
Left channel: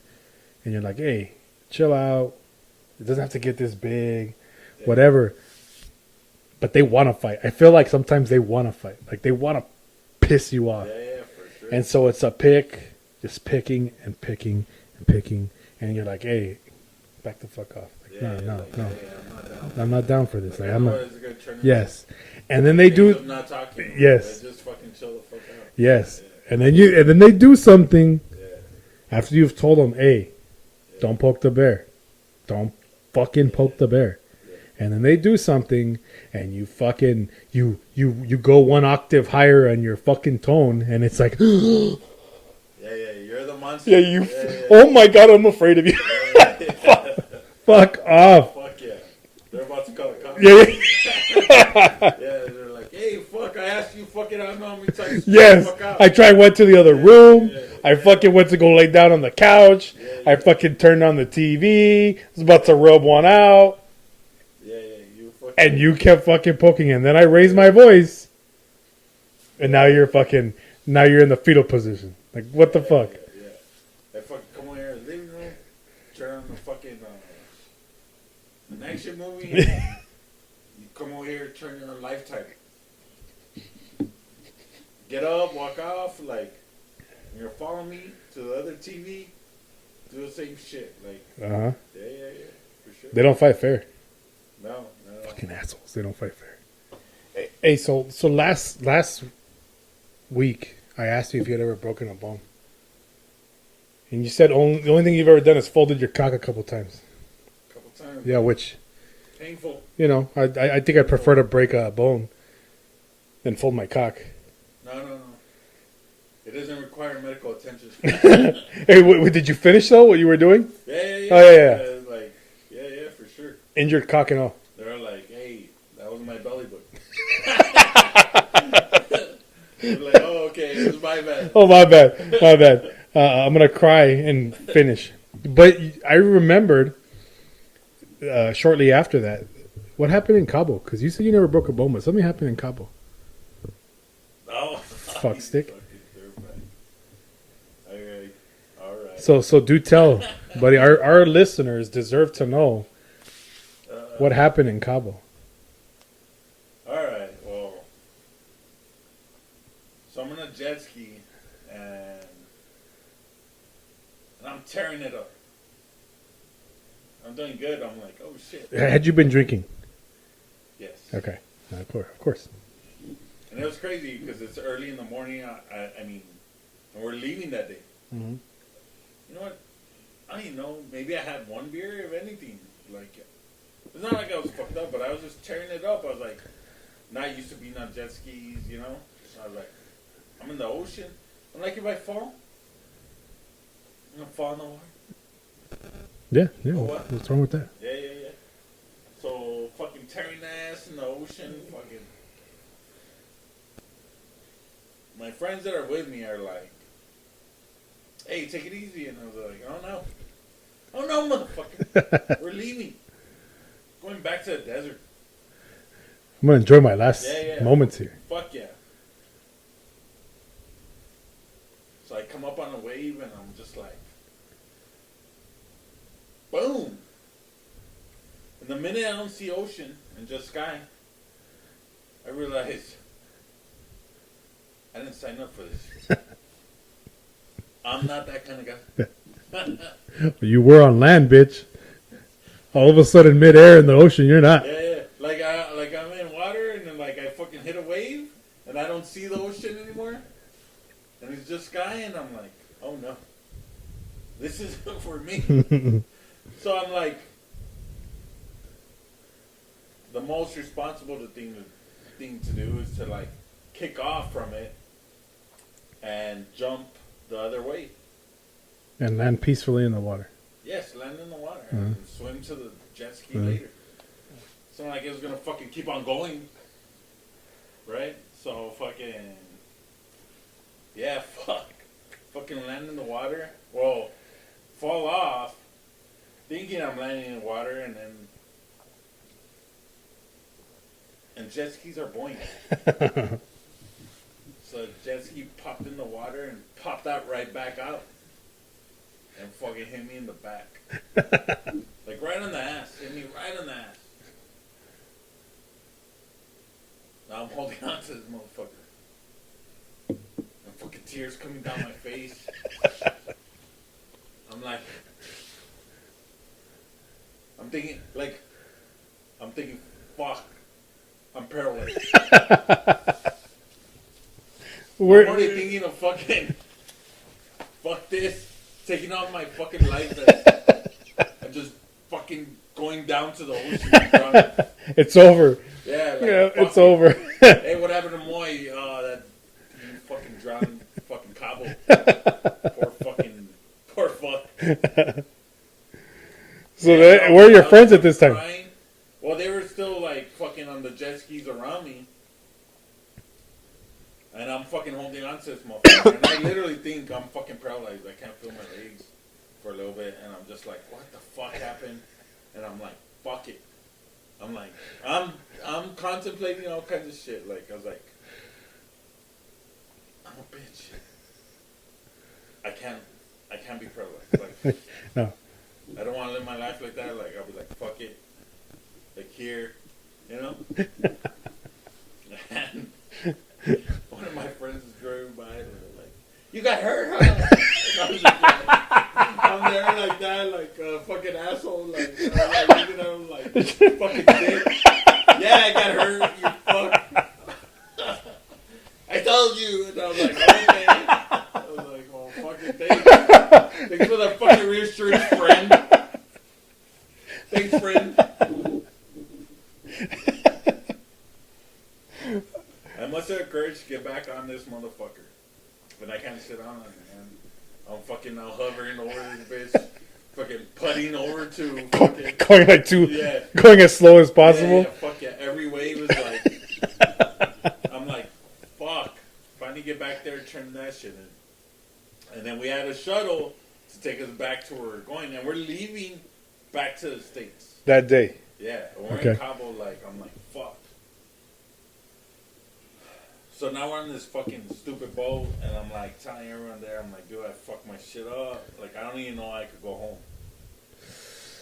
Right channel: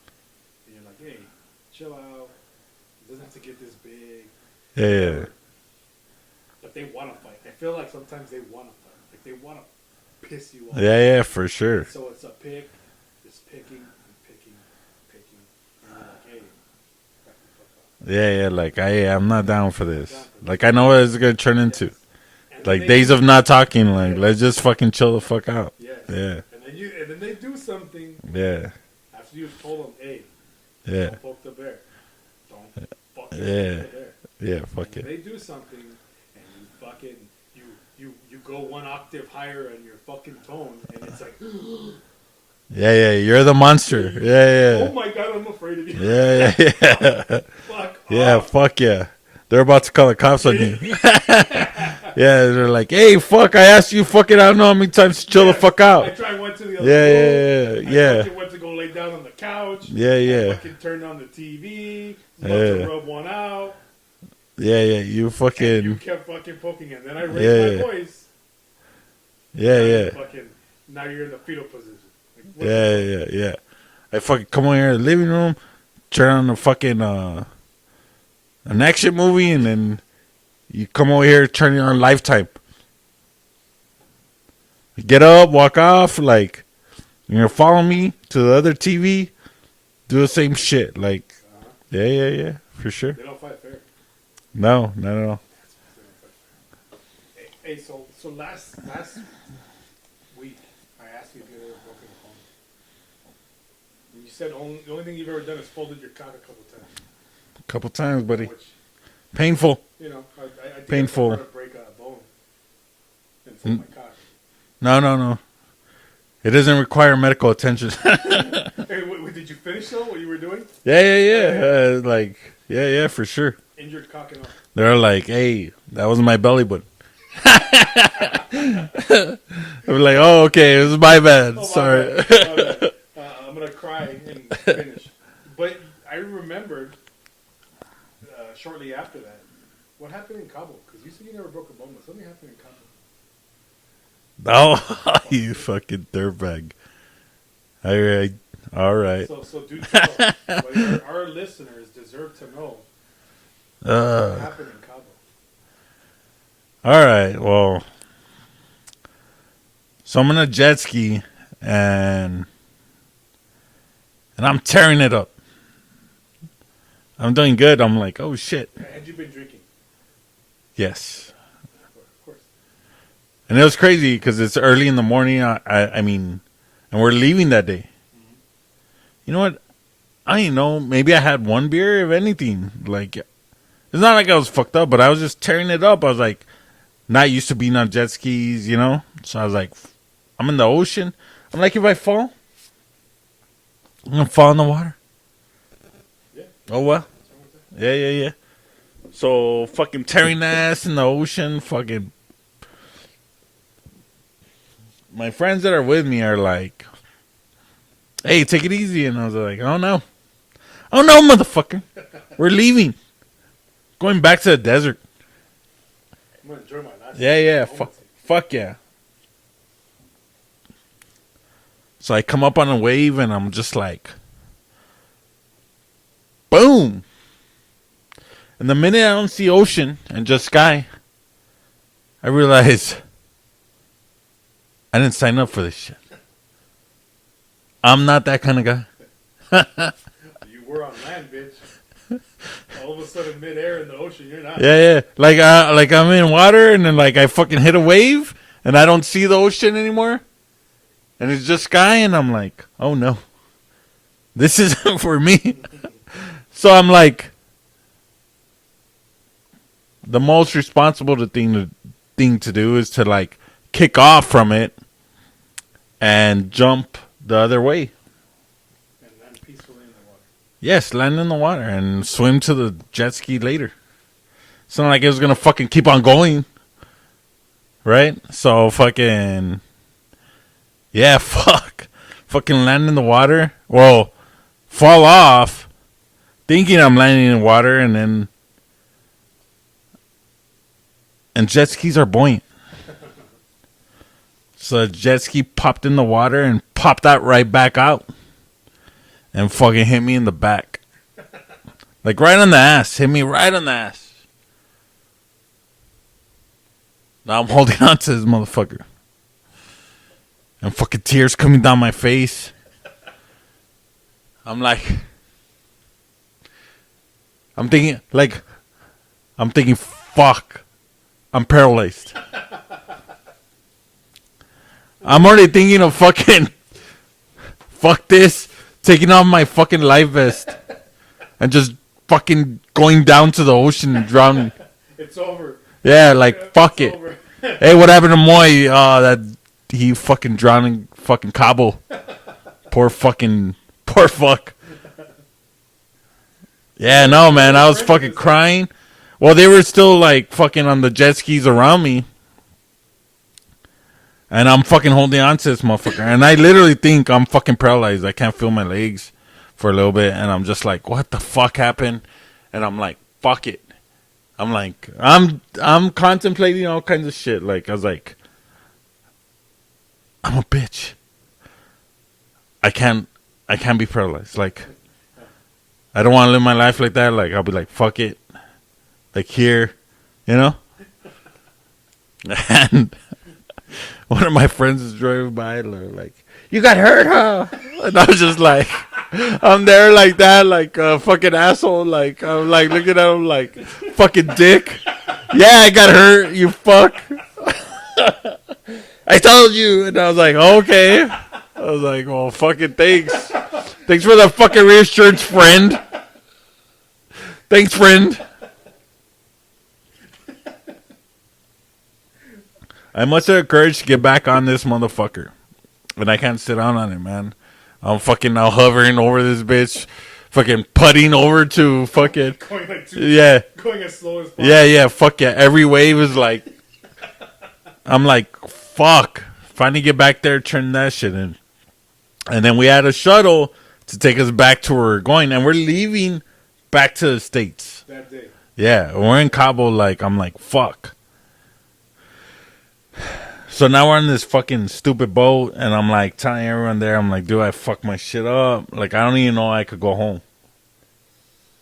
and you're like, hey, chill out. It doesn't have to get this big, Yeah, whatever. But they want to fight. I feel like sometimes they want to fight. Like, they want to piss you off. Yeah, for sure. And so it's a pick, just picking and picking and picking. And you're like, hey, back the fuck off. Yeah, like, I'm not down for I'm this. not down for this. Like, I know what it's going to turn into. Yes. And then Like, they days do, of not talking. Like, Yes. let's just fucking chill the fuck out. yes. Yeah. And then they do something Yeah. after you've told them, hey, Yeah. don't poke the bear. Don't fucking poke the bear. Yeah, fuck And then it. they do something, and you fucking you go one octave higher on your fucking tone, and it's like, Yeah, you're the monster. Yeah, you- Yeah. oh my god, I'm afraid of you. Yeah. Fuck Yeah, off. fuck yeah. They're about to call the cops Yeah, on me. Yeah, they're like, hey, fuck, I asked you fucking, I don't know how many times to chill Yes. the fuck out. I went to the other Yeah, room. I yeah. fucking went to go lay down on the couch. Yeah. I fucking turned on the TV. Was about to Yeah. rub one out. Yeah, you fucking. And you kept fucking poking. And then I raised Yeah. my voice. And Yeah, now yeah. you're fucking, now you're in the fetal position. Like, what the fuck? Yeah. I fucking come over here in the living room, turn on the fucking, an action movie, and then you come over here, turn it on Lifetime. You get up, walk off, like, you're gonna follow me to the other TV, do the same shit. Like, Uh-huh. yeah, for sure. They don't fight fair. No, not at all. Fucking assholes. They don't fight fair. Hey, so last week, I asked you if you had ever broken a bone. And you said the only thing you've ever done is folded your cock a couple times. A couple times, Yeah, buddy. which, Painful. you know, I think I Painful. prefer to break a bone than fold my cock. No. It doesn't require medical attention. Hey, did you finish though? What you were doing? Yeah. Oh, yeah. Like, yeah, for sure. Injured cock and all. They're like, hey, that was my belly button. I'm like, oh, okay, it was my bad. Oh, my Sorry. bad. My bad. I'm gonna cry and finish. But I remembered shortly after that. What happened in Cabo? Because you said you never broke a bone, but something happened in Cabo. Oh, you sick. fucking dirtbag. All right. So do tell, buddy. Our listeners deserve to know what happened in Cabo. All right. Well, so I'm in a jet ski and I'm tearing it up. I'm doing good. I'm like, oh shit. Had you been drinking? Yes. Okay, of course. And it was crazy because it's early in the morning. I mean, and we're leaving that day. Mm-hmm. You know what? I don't know. Maybe I had one beer, if anything. Like, it's not like I was fucked up, but I was just tearing it up. I was like, not used to being on jet skis, you know? So I was like, I'm in the ocean. I'm like, if I fall, I'm going to fall in the water. Yeah. Oh, what? What's wrong with that? Yeah. So, fucking tearing ass in the ocean, fucking. My friends that are with me are like, hey, take it easy. And I was like, oh no, motherfucker. We're leaving. Going back to the desert. I'm gonna enjoy my last moments here. Fuck yeah. So I come up on a wave and I'm just like, boom. And the minute I don't see ocean and just sky, I realize I didn't sign up for this shit. I'm not that kind of guy. You were on land, bitch. All of a sudden, midair in the ocean, you're not. Yeah. Like I'm in water and then like I fucking hit a wave and I don't see the ocean anymore. And it's just sky and I'm like, oh no. This isn't for me. So I'm like, the most responsible thing to do is to like kick off from it and jump the other way. And land peacefully in the water. Yes, land in the water and swim to the jet ski later. It's not like it was going to fucking keep on going. Right? So fucking... Yeah, fuck. Fucking land in the water. Well, fall off. Thinking I'm landing in water and then... And jet skis are buoyant. So the jet ski popped in the water and popped out right back out. And fucking hit me in the back. Like right on the ass. Hit me right on the ass. Now I'm holding on to this motherfucker. And fucking tears coming down my face. I'm like... I'm thinking, fuck. I'm paralyzed. I'm already thinking of fucking... Fuck this. Taking off my fucking life vest. And just fucking going down to the ocean and drowning. It's over. Yeah, like, fuck it's it. Over. Hey, what happened to Moy? That he fucking drowning fucking Cabo. Poor fuck. Yeah, no, man, I was fucking crying. Well, they were still, like, fucking on the jet skis around me. And I'm fucking holding on to this motherfucker. And I literally think I'm fucking paralyzed. I can't feel my legs for a little bit. And I'm just like, what the fuck happened? And I'm like, fuck it. I'm like, I'm contemplating all kinds of shit. Like, I was like, I'm a bitch. I can't be paralyzed. Like, No. I don't want to live my life like that. Like, I'll be like, fuck it. Like, here, you know? And one of my friends is driving by and they're like, you got hurt, huh? And I was just like, I'm there like that, like a fucking asshole. Like, I'm like looking at him like, fucking dick. Yeah, I got hurt, you fuck. I told you. And I was like, okay. I was like, well, fucking thanks. Thanks for the fucking reassurance, friend. Thanks, friend. I must have courage to get back on this motherfucker. And I can't sit down on it, man. I'm fucking now hovering over this bitch. Fucking putting over to fucking... Going like yeah. Going as slow as possible. Yeah, fuck yeah. Every wave is like... I'm like, fuck. Finally get back there, turn that shit in. And then we had a shuttle to take us back to where we're going, and we're leaving back to the States. That day. Yeah, we're in Okay. Cabo. Like, I'm like, fuck. So now we're on this fucking stupid boat, and I'm like telling everyone there, I'm like, dude, I fucked my shit up. Like, I don't even know I could go home.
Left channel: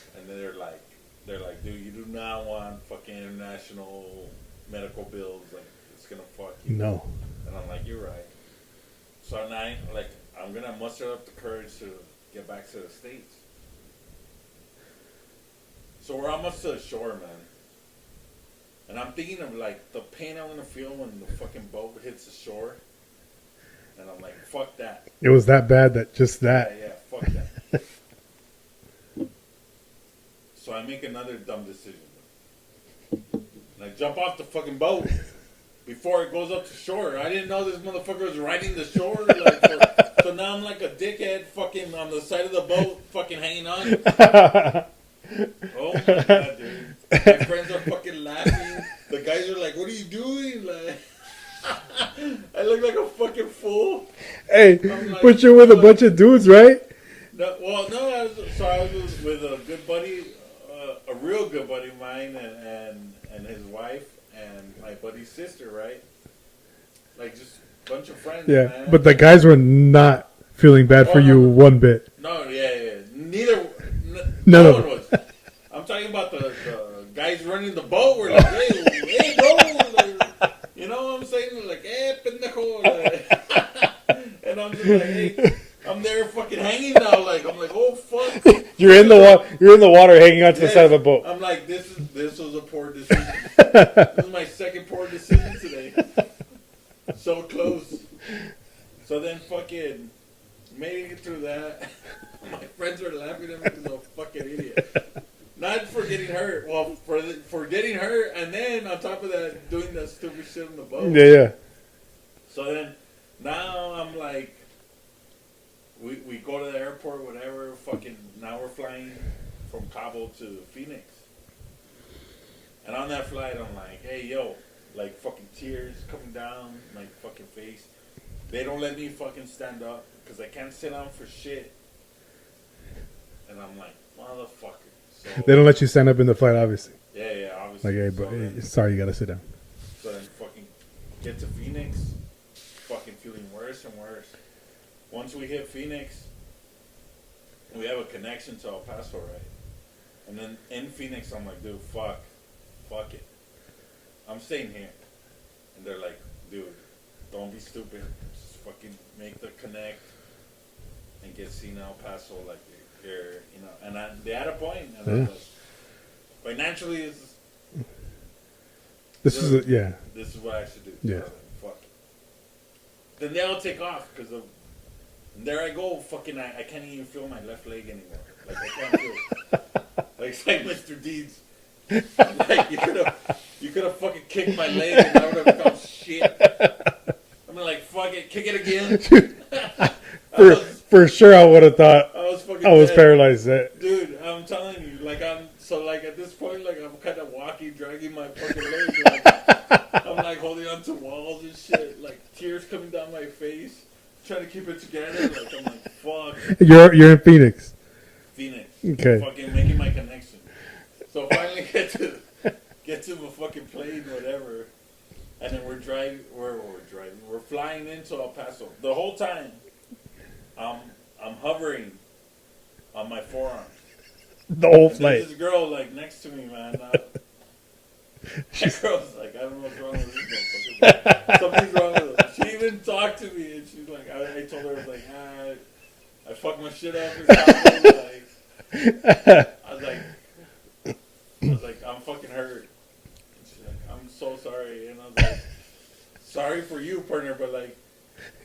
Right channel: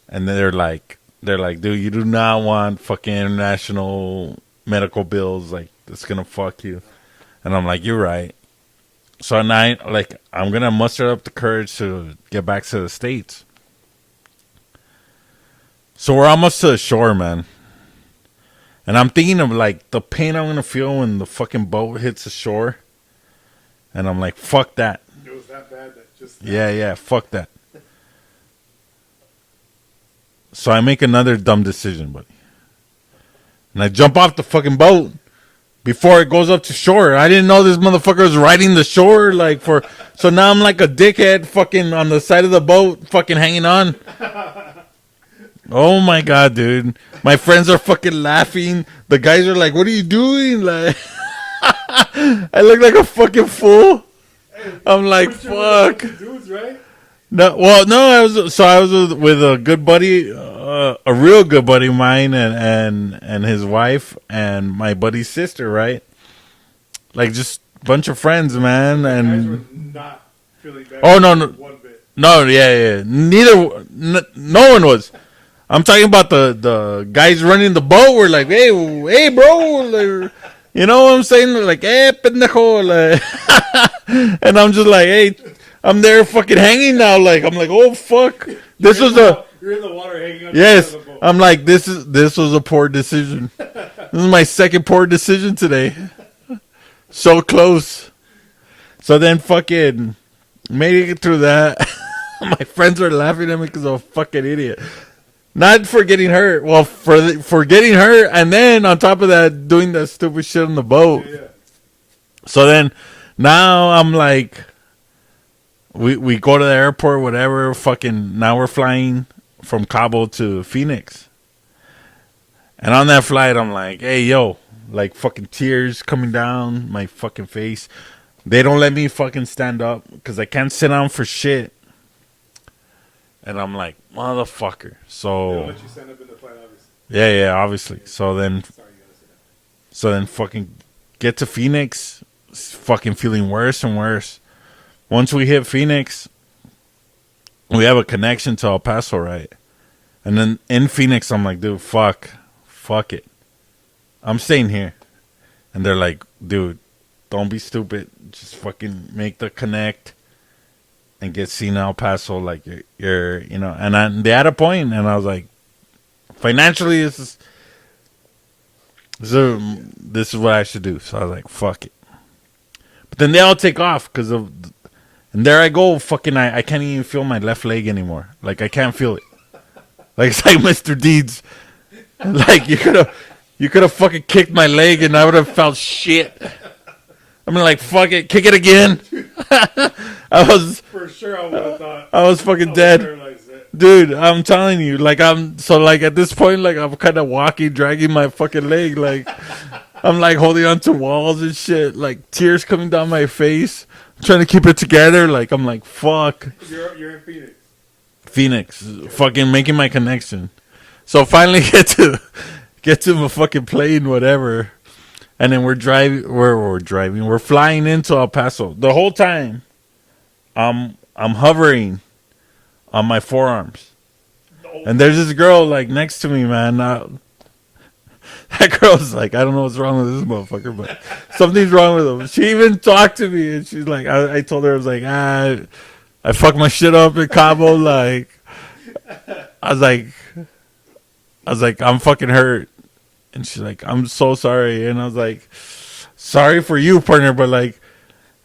And then they're like, dude, you do not want fucking international medical bills. Like, it's gonna fuck you. No. And I'm like, you're right. So at night, like, I'm gonna muster up the courage to get back to the States. So we're almost to the shore, man. And I'm thinking of, like, the pain I'm gonna feel when the fucking boat hits the shore. And I'm like, fuck that. It was that bad that just that. Yeah, fuck that. So I make another dumb decision, buddy. And I jump off the fucking boat before it goes up to shore. I didn't know this motherfucker was riding the shore, like, for. So now I'm like a dickhead, fucking on the side of the boat, fucking hanging on. Oh my god, dude! My friends are fucking laughing. The guys are like, "What are you doing?" Like, I look like a fucking fool. Hey, I'm like, but you're with a bunch of dudes, right? No, well, no, I was with a good buddy, a real good buddy of mine, and his wife, and my buddy's sister, right? Like, just a bunch of friends, Yeah. man. But the and- guys were not feeling bad Oh, for no, you no. one bit. No, yeah. No one was. I'm talking about the guys running the boat were like, hey, bro. Like, you know what I'm saying? They're like, pendejo. Like, and I'm just like, hey, I'm there fucking hanging now. Like, I'm like, oh, fuck. You're in the water hanging on to the side Yes, of the boat. I'm like, this was a poor decision. This is my second poor decision today. So close. So then fucking made it through that. My friends are laughing at me because I'm a fucking idiot. Not for getting hurt. Well, for getting hurt, and then on top of that, doing that stupid shit on the boat. Yeah. So then, now I'm like, we go to the airport, whatever. Fucking now we're flying from Cabo to Phoenix, and on that flight, I'm like, hey, yo, like fucking tears coming down my fucking face. They don't let me fucking stand up because I can't sit down for shit. And I'm like, motherfucker. So They don't let you stand up in the flight, obviously. yeah, obviously. Like, So then sorry, you gotta sit down. So then fucking get to Phoenix, fucking feeling worse and worse. Once we hit Phoenix, we have a connection to El Paso, right? And then in Phoenix, I'm like, dude, fuck it. I'm staying here. And they're like, dude, don't be stupid. Just fucking make the connect and get seen in El Paso. Like, you're you know. And they had a point, and I was like, financially, this is what I should do. So I was like, fuck it. But then they all take off because of, and there I go, fucking, I can't even feel my left leg anymore. Like, I can't feel it. Like, it's like Mr. Deeds. Like, you could have fucking kicked my leg and I would have felt shit. I'm like, fuck it, kick it again. I was For sure, I would have thought I was fucking I was dead. paralyzed. Dude, I'm telling you, like, like at this point, like, I'm kind of walking, dragging my fucking leg, like, I'm like holding on to walls and shit, like tears coming down my face, trying to keep it together, like, I'm like, fuck. You're in Phoenix. Phoenix, Okay. fucking making my connection. So finally get to my fucking plane, whatever, and then we're flying into El Paso. The whole time, I'm hovering on my forearms. The whole And there's flight. this girl like next to me, man. That girl's like, I don't know what's wrong with this motherfucker, but something's wrong with him. She even talked to me, and she's like, I told her, I was like, I fucked my shit up in Cabo. Like, I was like, I'm fucking hurt. And she's like, I'm so sorry. And I was like, sorry for you, partner, but like,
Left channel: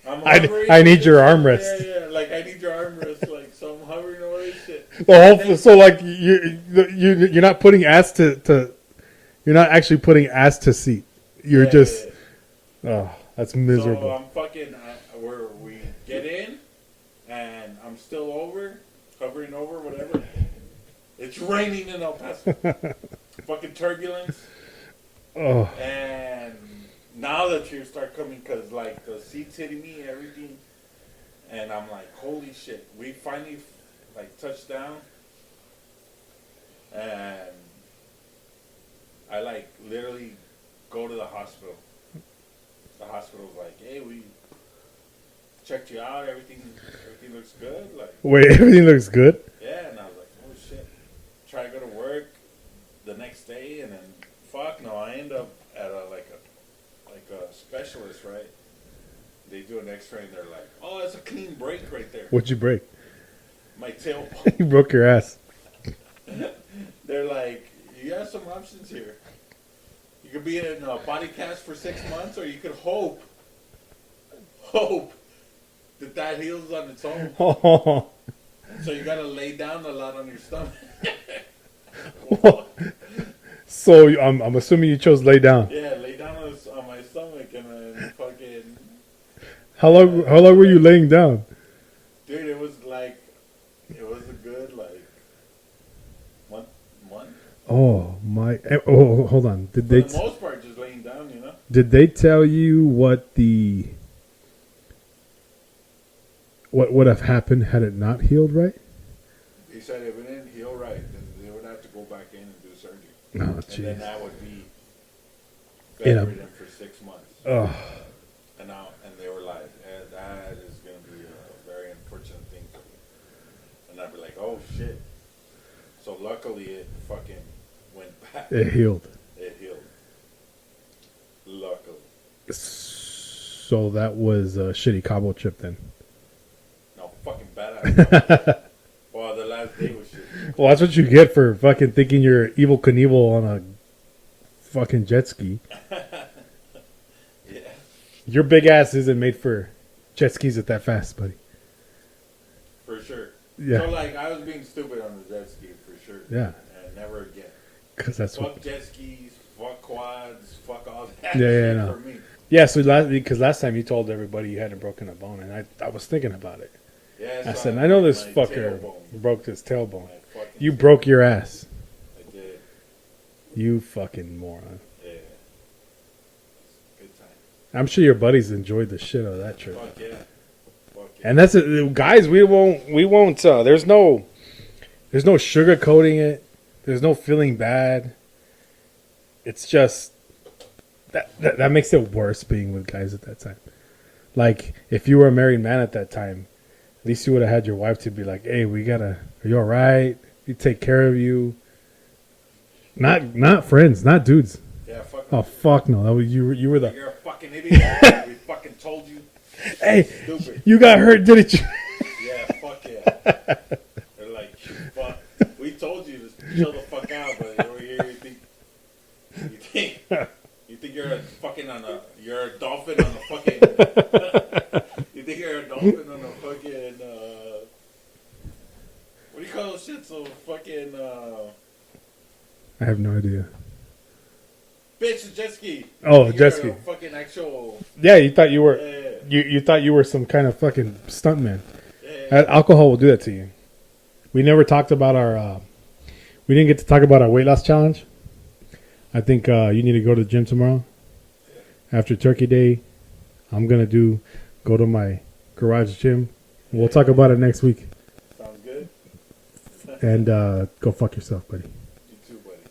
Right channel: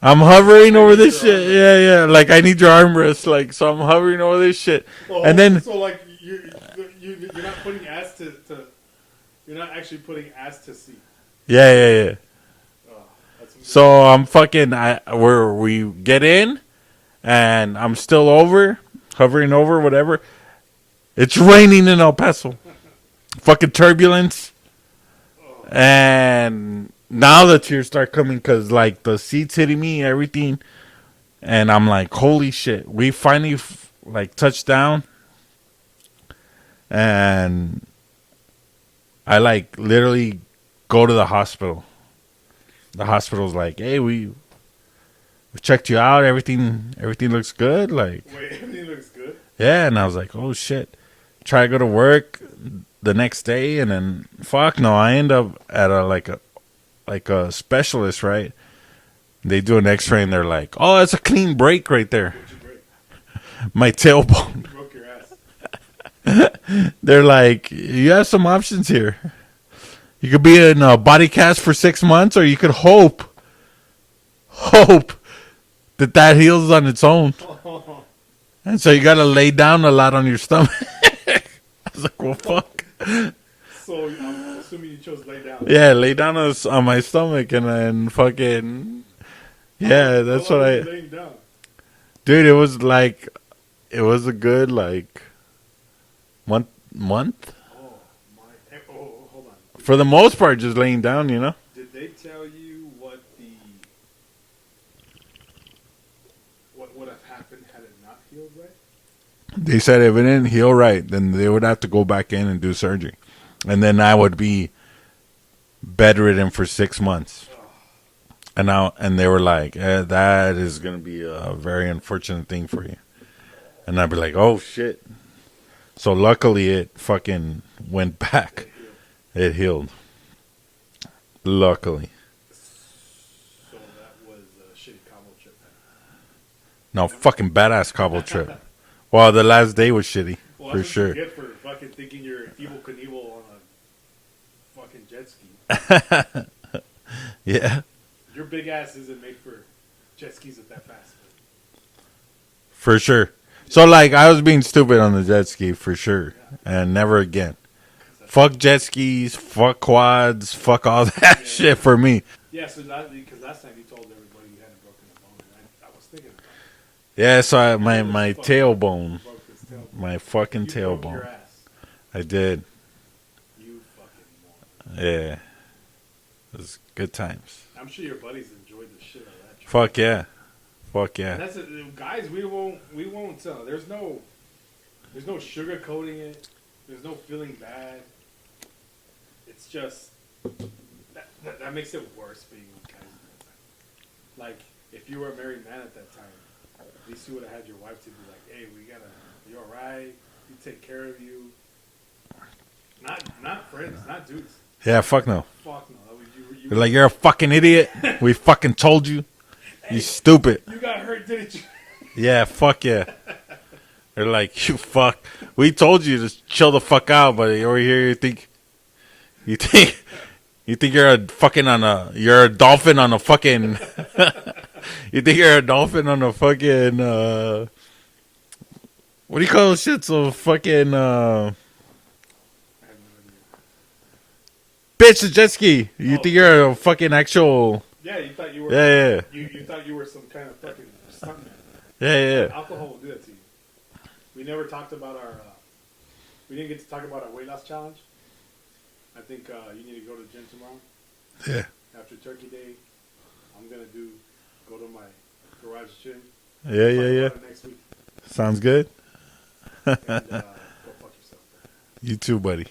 I'm hovering I over need this your shit. armrest. Yeah. Like, I need your armrest. Like, so I'm hovering over this shit. And then so like you're not putting ass to you're not actually putting ass to seat. You're Yeah. Oh, that's miserable. So I'm fucking. We get in, and I'm still hovering over, whatever. It's raining in El Paso. Fucking turbulence, Oh. and now the tears start coming because like the seats hitting me, everything. And I'm like, holy shit. We finally like touched down. And I like literally go to the hospital. The hospital's like, hey, we checked you out. Everything looks good. Like, Wait, everything looks good? yeah. And I was like, oh shit. Try to go to work the next day, and then fuck no, I end up at a specialist, right? They do an X-ray, and they're like, oh, that's a clean break right there. What'd you break? My tailbone. You broke your ass. They're like, you have some options here. You could be in a body cast for 6 months, or you could hope that heals on its own. Oh, And so you got to lay down a lot on your stomach. I was like, well, fuck. so I'm assuming you chose lay down. Yeah, lay down on my stomach and then fucking. How Yeah, long that's were right. you laying down? Dude, it was a good like month. Oh my! Oh, hold on. For the most part, just laying down, you know. Did they tell you what would have happened had it not healed right? They said if it didn't heal right, then they would have to go back in and do surgery, No. and then I would be bedridden for 6 months. Oh, And they were like, that is gonna be a very unfortunate thing for you. And I'd be like, oh shit. So luckily it fucking went back. it healed. It healed. Luckily. So that was a shitty Cabo trip then. No, fucking badass Cabo trip. Well, the last day was shitty. Well, that's for what sure. you get for fucking thinking you're Evil Knievel on a fucking jet ski. Yeah, Your big ass isn't made for jet skis at that fast, buddy. for sure. Yeah. So, like, I was being stupid on the jet ski for sure. Yeah. And never again. 'Cause that's Fuck jet skis, fuck quads, fuck all that Yeah, shit yeah. for me. Yeah, so last time you told everybody you hadn't broken a bone, and I was thinking about it. Yeah, so I said, I know this my fucker tailbone. broke his tailbone. My fucking You tailbone. broke your ass. I did. You fucking moron. Yeah. It was good times. I'm sure your buddies enjoyed the shit out of that trip. Fuck yeah. Fuck yeah. And that's it, guys. We won't. There's no sugarcoating it. There's no feeling bad. It's just that makes it worse being with guys at that time. Like if you were a married man at that time, at least you would have had your wife to be like, "Hey, are you all right? We take care of you." Not friends, not dudes. yeah, fuck no. Oh fuck no! That was, you were You're like, you're a fucking idiot. We fucking told you. hey, You stupid. you got hurt, didn't you? Yeah, fuck yeah. They're like, you fuck. We told you to chill the fuck out, but over here you think you're a fucking you're a dolphin on a fucking. You think you're a dolphin on a fucking. What do you call those shit? So fucking. I have no idea. Bitch, a jet ski. You Oh, think you're jet a fucking actual. Yeah, you thought you were. Yeah, You thought you were some kind of fucking stuntman. yeah. Alcohol will do that to you. We never talked about our. We didn't get to talk about our weight loss challenge. I think you need to go to the gym tomorrow. Yeah. After Turkey Day, I'm gonna go to my garage gym. Yeah, We'll talk yeah, about yeah. it next week. Sounds good. And go fuck yourself, buddy. You too, buddy.